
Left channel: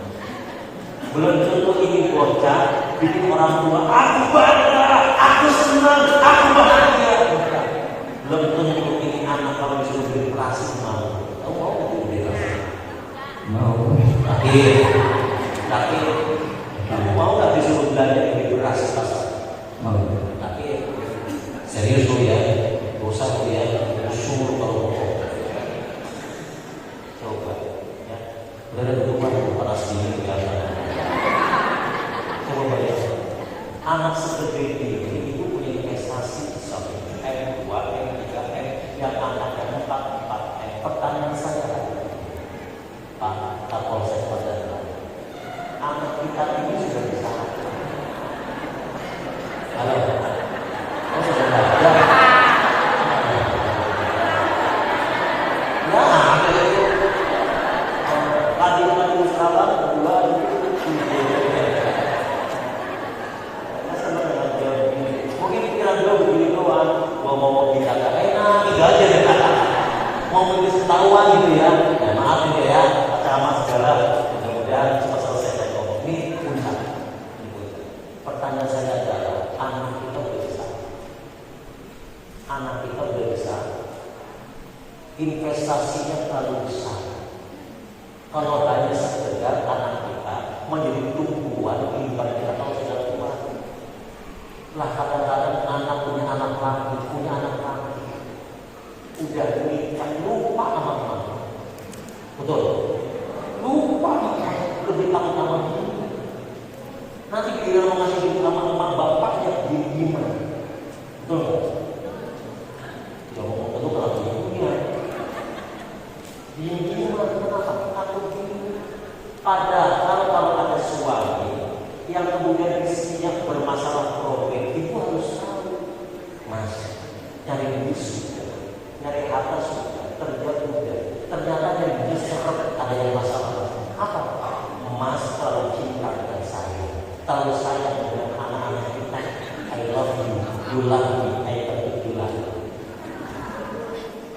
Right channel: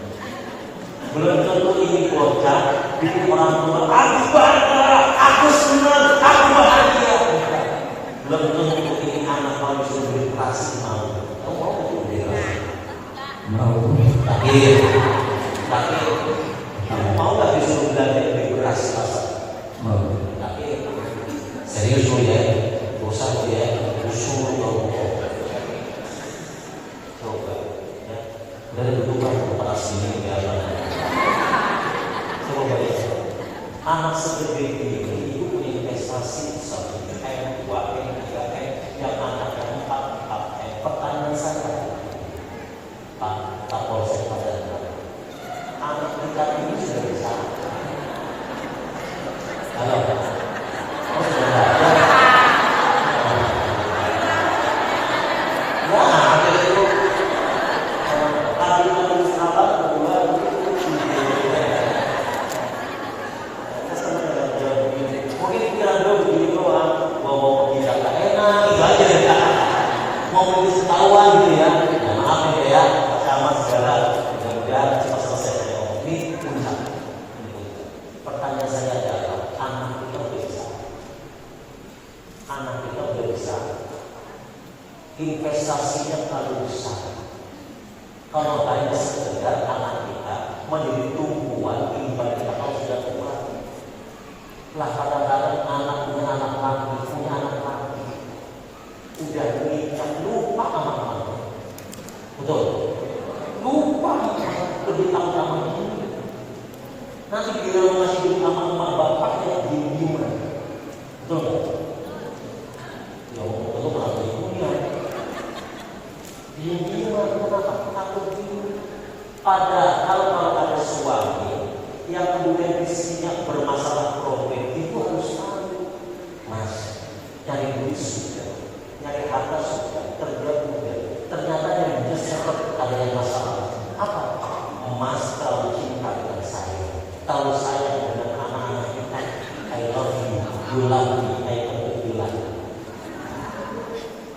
Belum tentu ini bocah bikin orang tua aku bangga, aku senang, aku bahagia. Belum tentu ini anak kalau disuruh berinteraksi mau. Kamu mau nggak berinteraksi? Mau. Tapi kamu mau nggak disuruh belanja beli beras pasar? Mau. Tapi serius ya, usah ya, usul coba ya, dari dulu para sini ya. Coba ya, anak segede ini itu punya investasi 1 M, 2 M, 3 M, yang anaknya 4 M. Pertanyaan saya, Pak Kapolsek Padang, anak kita ini sudah bisa apa? Halo. Pertanyaan saya adalah anak kita udah bisa, anak kita udah bisa, investasinya terlalu besar. Kalau hanya sekedar anak kita menjadi tumbuhan kehidupan kita kalau sudah tua, lah kadang-kadang anak punya anak lagi, udah menikah lupa sama mama, betul? Lupa, lebih takut sama ini. Nanti bila masih hidup sama emak bapaknya diem-diem, betul nggak? Ya ngomong itu orang ibunya, diem-diem takut diem. Padahal kalau ada suami yang kemudian istrinya bermasalah problem itu harus tahu, mas, cari duit sudah, nyari harta sudah, kerja sudah, ternyata ada yang justru ada yang masalah. Apa? Mas kalau cinta dengan saya, tahu saya dengan anak-anak kita, I love you, you love me, I love you.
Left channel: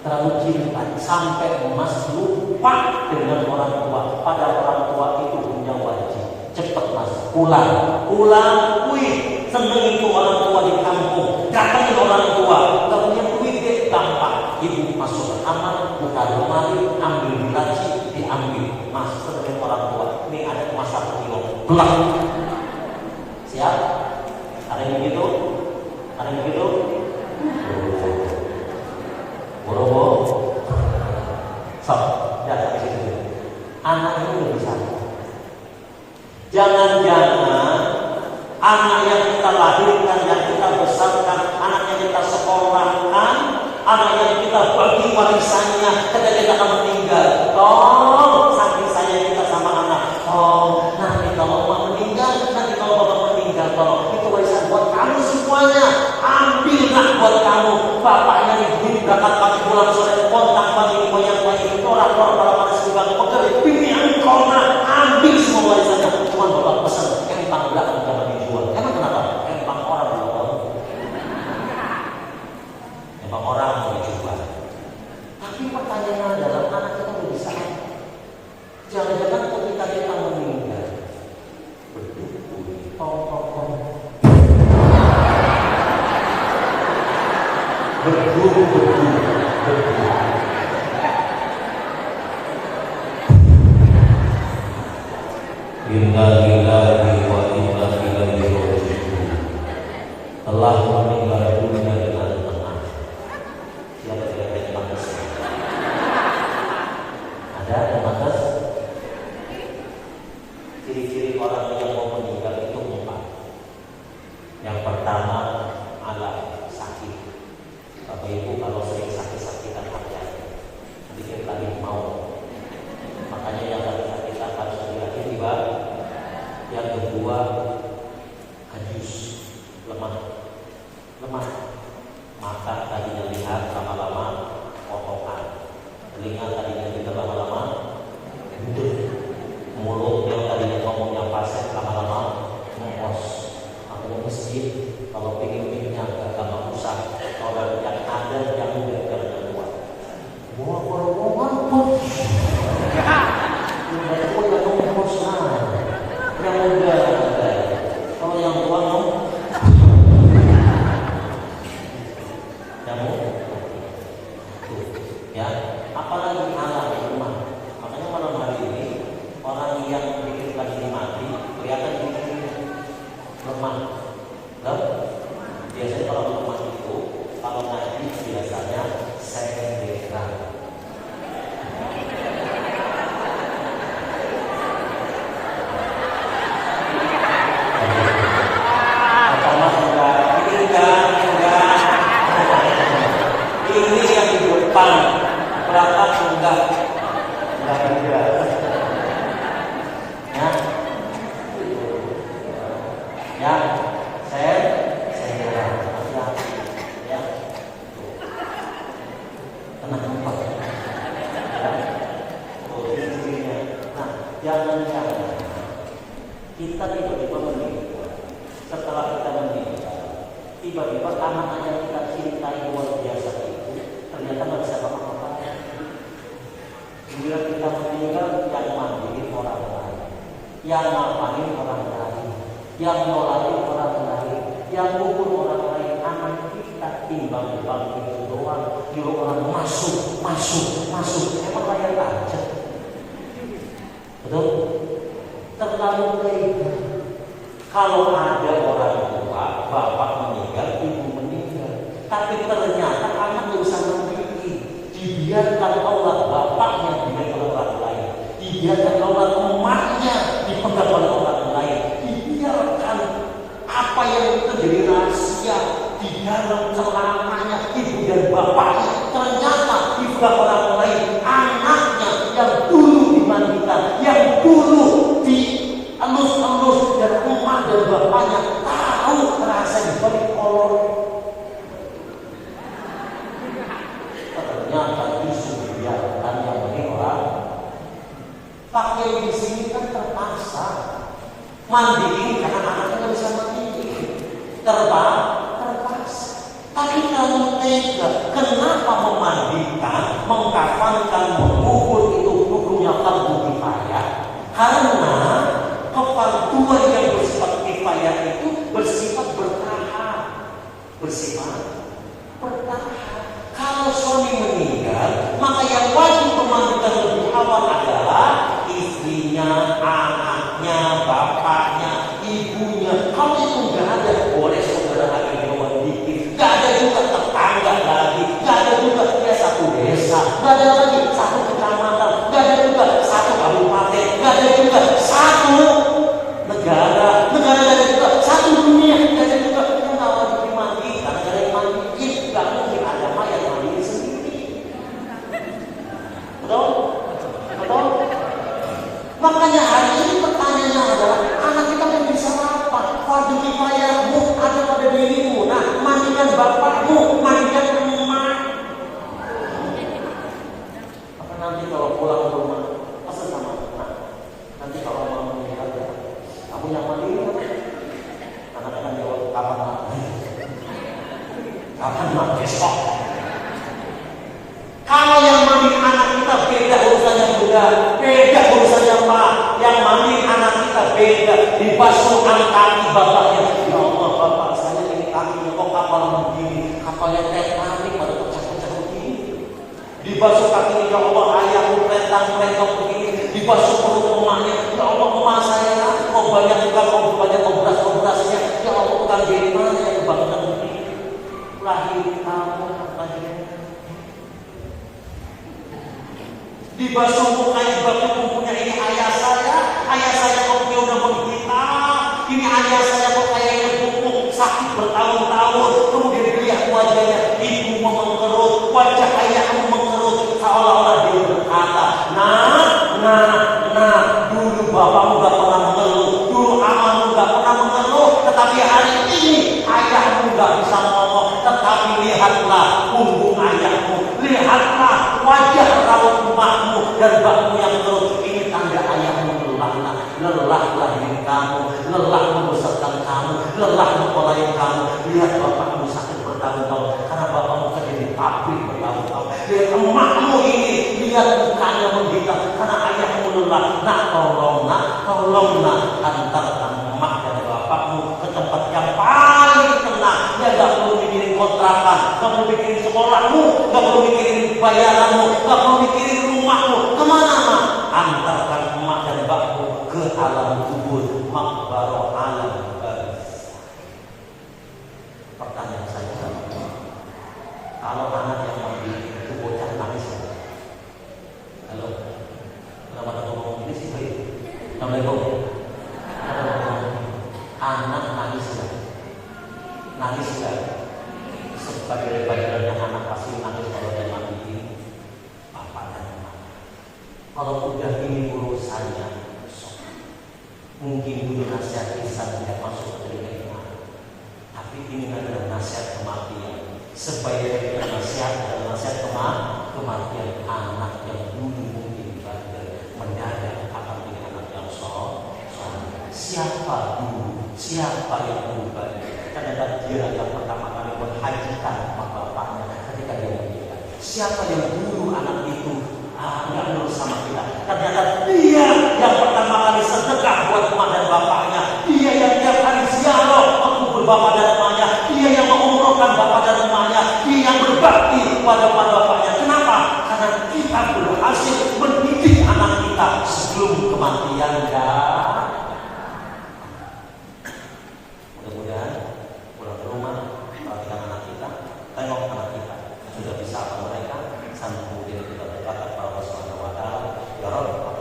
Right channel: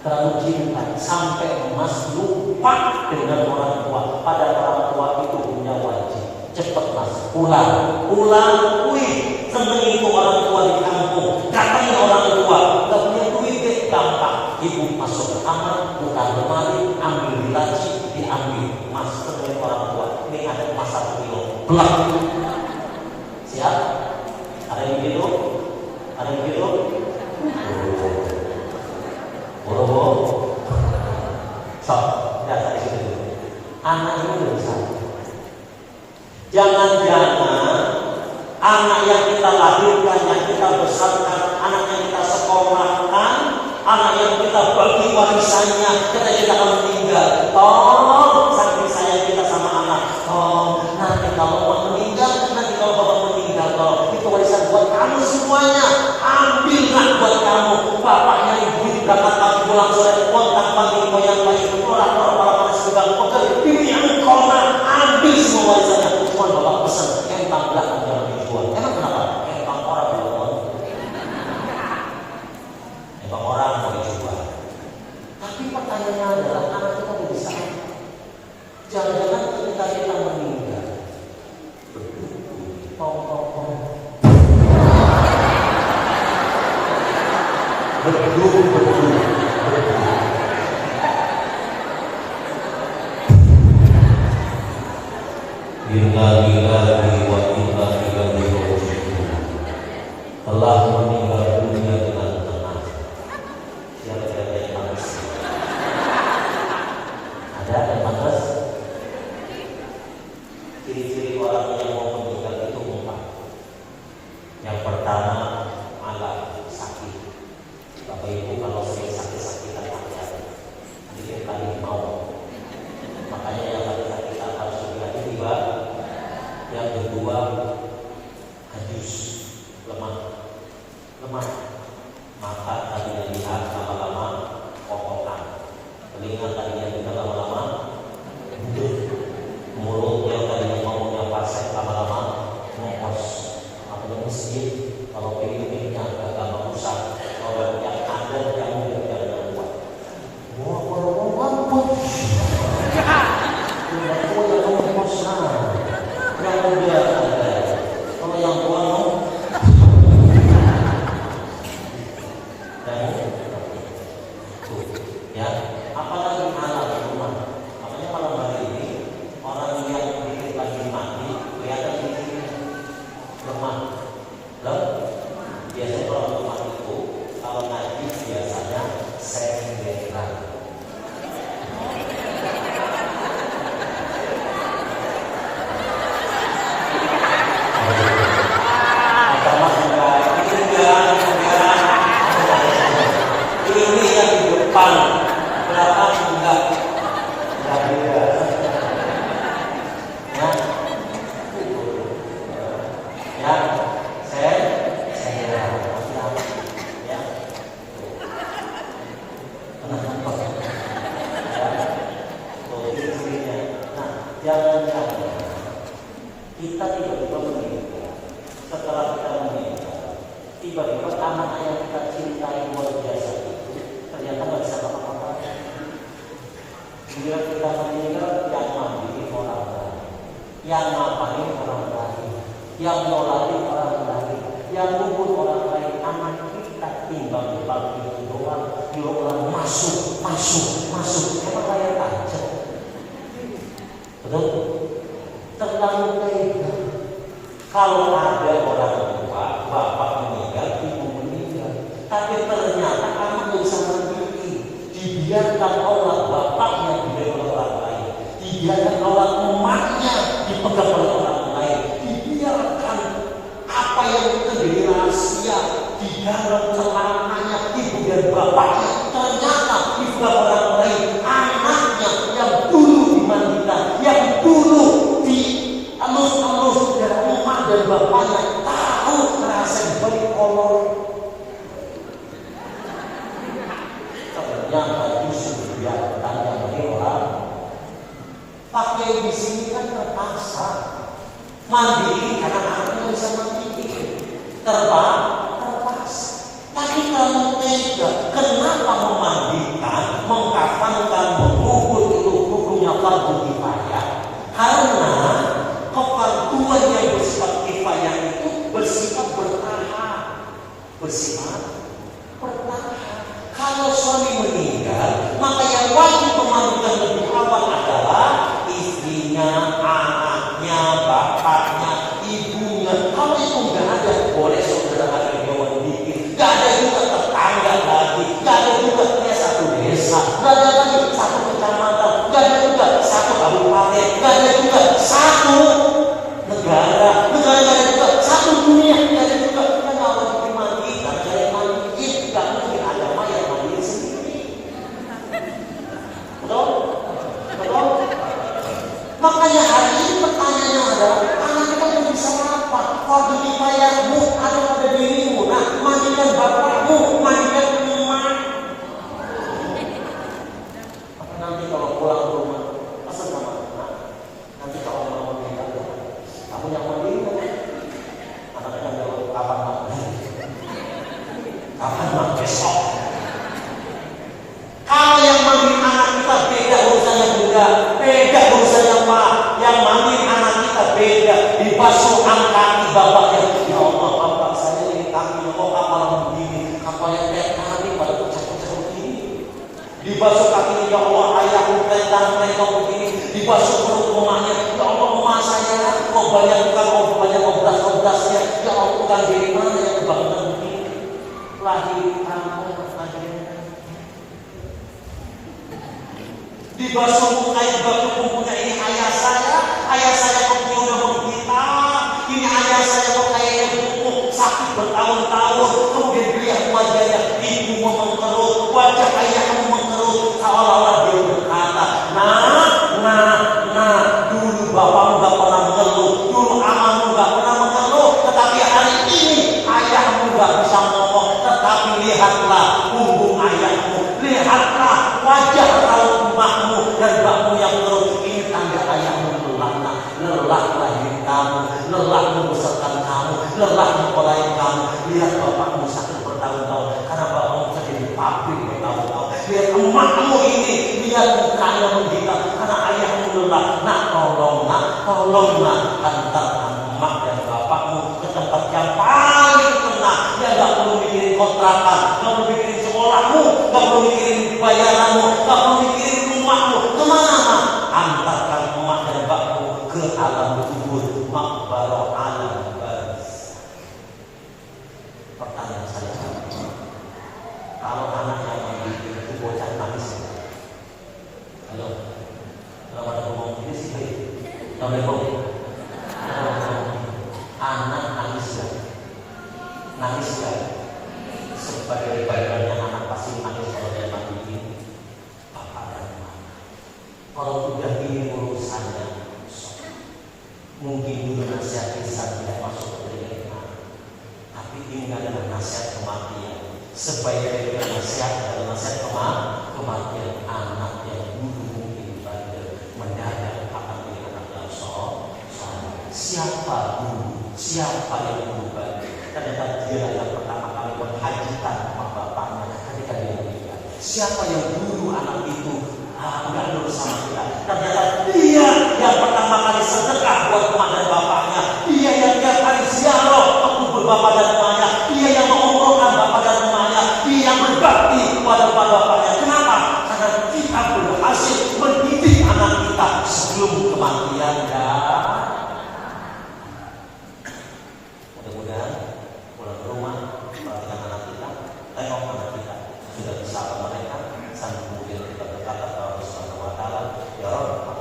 Terlalu cinta sampai mas lupa dengan orang tua. Pada orang tua itu punya wajib. Cepat mas, pulang. Wih, seneng itu orang tua di kampung. Datangin orang tua, gak punya duit deh, gampang. Ibu masuk ke kamar, buka lemari, ambil laci, diambil. Mas gelap. Siap? Ada yang begitu? Ada yang begitu? Boro-boro. So, ya kayak gitu. Anak ini udah bisa. Jangan-jangan anak yang kita lahirkan, yang kita besarkan, anak yang kita sekolahkan, anak yang kita bagi warisannya ketika kita akan meninggal. Oh, saking sayang kita sama anak. Oh, nanti kalau bapak meninggal, nanti kalau bapak meninggal, kalau itu warisan buat kamu semuanya. Ambillah buat kamu. Bapaknya ibu berangkat pagi pulang sore, kontak pagi goyang lagi, orang-orang panas juga. Oke, bibi engkau ambil semua warisannya. Cuma bapak pesan, empang belakang jangan dijual. Emang kenapa? Empang orang yang mau. Empang orang mau dijual. Tapi pertanyaannya adalah anak kita mau bisa apa? Jangan-jangan ketika kita meninggal, Inna lillahi wa inna ilaihi raji'un. Telah meninggal dunia dengan tenang. Siapa yang pantas? Ada yang pantas? Ciri-ciri orang yang mau meninggal itu 4. Yang pertama adalah sakit. Bapak Ibu kalau sering sakit-sakitan hati-hati. Nanti kita mau. Makanya yang sakit harus hati-hati tiba. Yang kedua, hadis, lemah. Mata tadinya lihat lama-lama kokokan, telinga tadinya juga lama-lama budek, mulut yang tadinya ngomongnya fasih lama-lama ngomos. Makanya masjid kalau pengen agak gampang rusak, orang yang ada yang muda jangan keluar. Ngomong yang muda ada, kalau yang tua ya, apalagi anak rumah. Makanya malam hari ini orang yang pikir lagi mati kelihatan pikirnya lemah. Loh, biasanya orang lemah itu kalau ngaji biasanya senderan. Ini yang di depan berapa enggak beda. Ya, saya ya. Kenapa? Ya, posisinya. Nah, jangan-jangan kita tiba-tiba meninggal. Setelah kita meninggal, tiba-tiba anak yang kita cintai luar biasa itu ternyata nggak bisa apa-apa. Bila kita meninggal, yang mandiin orang lain, yang ngapain orang lain, yang molain orang lain, yang ngubur orang lain. Anak kita timbang itu doang, dia orang masuk. Emang layak aja. Betul? Terlalu tega. Kalau ada orang tua, bapak meninggal, ibu meninggal, tapi ternyata kamu tidak bisa memiliki. Dibiarkan Allah bapaknya dipegang oleh orang lain, dibiarkan Allah emaknya dipegang oleh orang lain, dibiarkan apa yang terjadi rahasia di dalam celananya ibu dan bapaknya ternyata dipegang oleh orang lain. Anaknya yang dulu dimandikan, yang dulu dielus-elus dan emak dan bapaknya tahu rasa dibalik kolor. Ternyata justru dibiarkan yang orang pakai di sini kan terpaksa mandiin karena anaknya bisa mandi, terpaksa. Tapi kamu tega, kenapa memandikan, mengkafankan, mengubur itu hukumnya fardu kifayah? Karena kefarduan yang bersifat kifayah itu bersifat bertahap. Kalau suami meninggal, maka yang wajib memandikan lebih awal adalah istrinya, anaknya, bapak, dibasuh kaki bapaknya. Ya Allah, bapak saya ini kakinya kok kapal begini, kapalnya Titanic baru pecah-pecah begini. Dibasuh kakinya, ya Allah, ayahku petang-petang begini. Dibasuh perut rumahnya, ya Allah, rumah saya kok banyak obras-obrasnya. Ya Allah, bukan dari mana yang bangunan begini? Lahir kamu, dibasuh air baku punya ini ayah saya kok dia udah menghitam, ini ayah saya kok kayaknya pupuk sakit bertahun-tahun. Kemudian lihat wajahnya, ibu mengerut, wajah ayahmu mengerut, seolah-olah dia berkata, dulu bapakmu gak pernah mengeluh, dulu amamu gak pernah mengeluh, tetapi hari ini ayahmu gak bisa ngomong. Tetapi lihatlah punggung ayahmu, lihatlah wajah raut emakmu dan bakmu yang mengeluh. Ini tanda ayahmu lelah lahirin kamu, lelah membesarkan kamu, lelah mempelai kamu. Lihat bapakmu sakit bertahun-tahun karena bapakmu kerja di pabrik bertahun-tahun. Lihat emakmu ini, lihat mukanya menggita karena ayahmu lelah. Tolonglah hantarkan emak dan bapakmu ke tempat yang paling tenang. Ya gak perlu mikirin kontrakan, gak perlu mikirin sekolahmu, gak perlu mikirin bayaranmu, gak perlu mikirin rumahmu. Kemana? Antarkan emak dan bapakmu ke alam kubur, makbarah alam baris. Pertanyaan saya sama emak, kalau anak yang mendidik itu bocah nangis, halo, kalau ada ngomong ini sih baik. Assalamualaikum. Anak nangis ya. Sebagai bayangannya anak pasti nangis kalau dia mati. Bapak dan Mama. Kalau udah ini urusannya, mungkin dulu nasihat Islam tidak masuk ke telinga anak. Tapi ini adalah nasihat kematian. Sebaiknya kita nasihat adalah nasihat kematian anak yang dulu mungkin bandel mendadak akan menjadi anak yang soleh. Siapa dulu? Siapa yang berubah? Ternyata dia yang pertama kali menghajikan bapaknya ketika dia meninggal. Siapa yang dulu anak itu nggak lulus sama kita? Ternyata dia yang pertama kali sedekah buat emak dan bapaknya. Dia yang tiap kali ziarah ke kubur bapak dan emaknya. Dia yang mengumrohkan bapak dan emaknya. Dia yang berbakti pada bapaknya. Kenapa? Karena kita berhasil mendidik anak kita sebelum kematian. Mudah-mudahan pulang ke rumah, perhatikan anak kita, tengok anak kita sudah bisa mereka, sampai kemudian kita berkata kepada Allah Subhanahu wa Ta'ala, ya Rabb,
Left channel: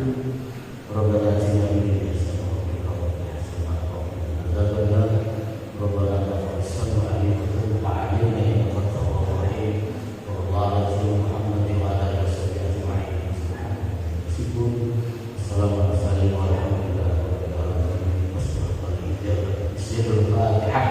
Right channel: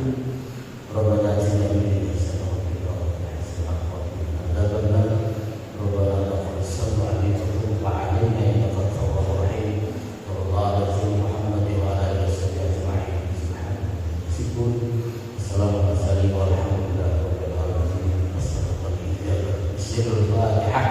ربنا آتنا من لدنك رحمة ربنا ربنا غفر السمع عليك وتوب علينا إنك التواب الرحيم صلى الله على سيدنا محمد وعلى آله وصحبه أجمعين سبحانك سبحان السلام عليكم ورحمة الله وبركاته. الفاتحة.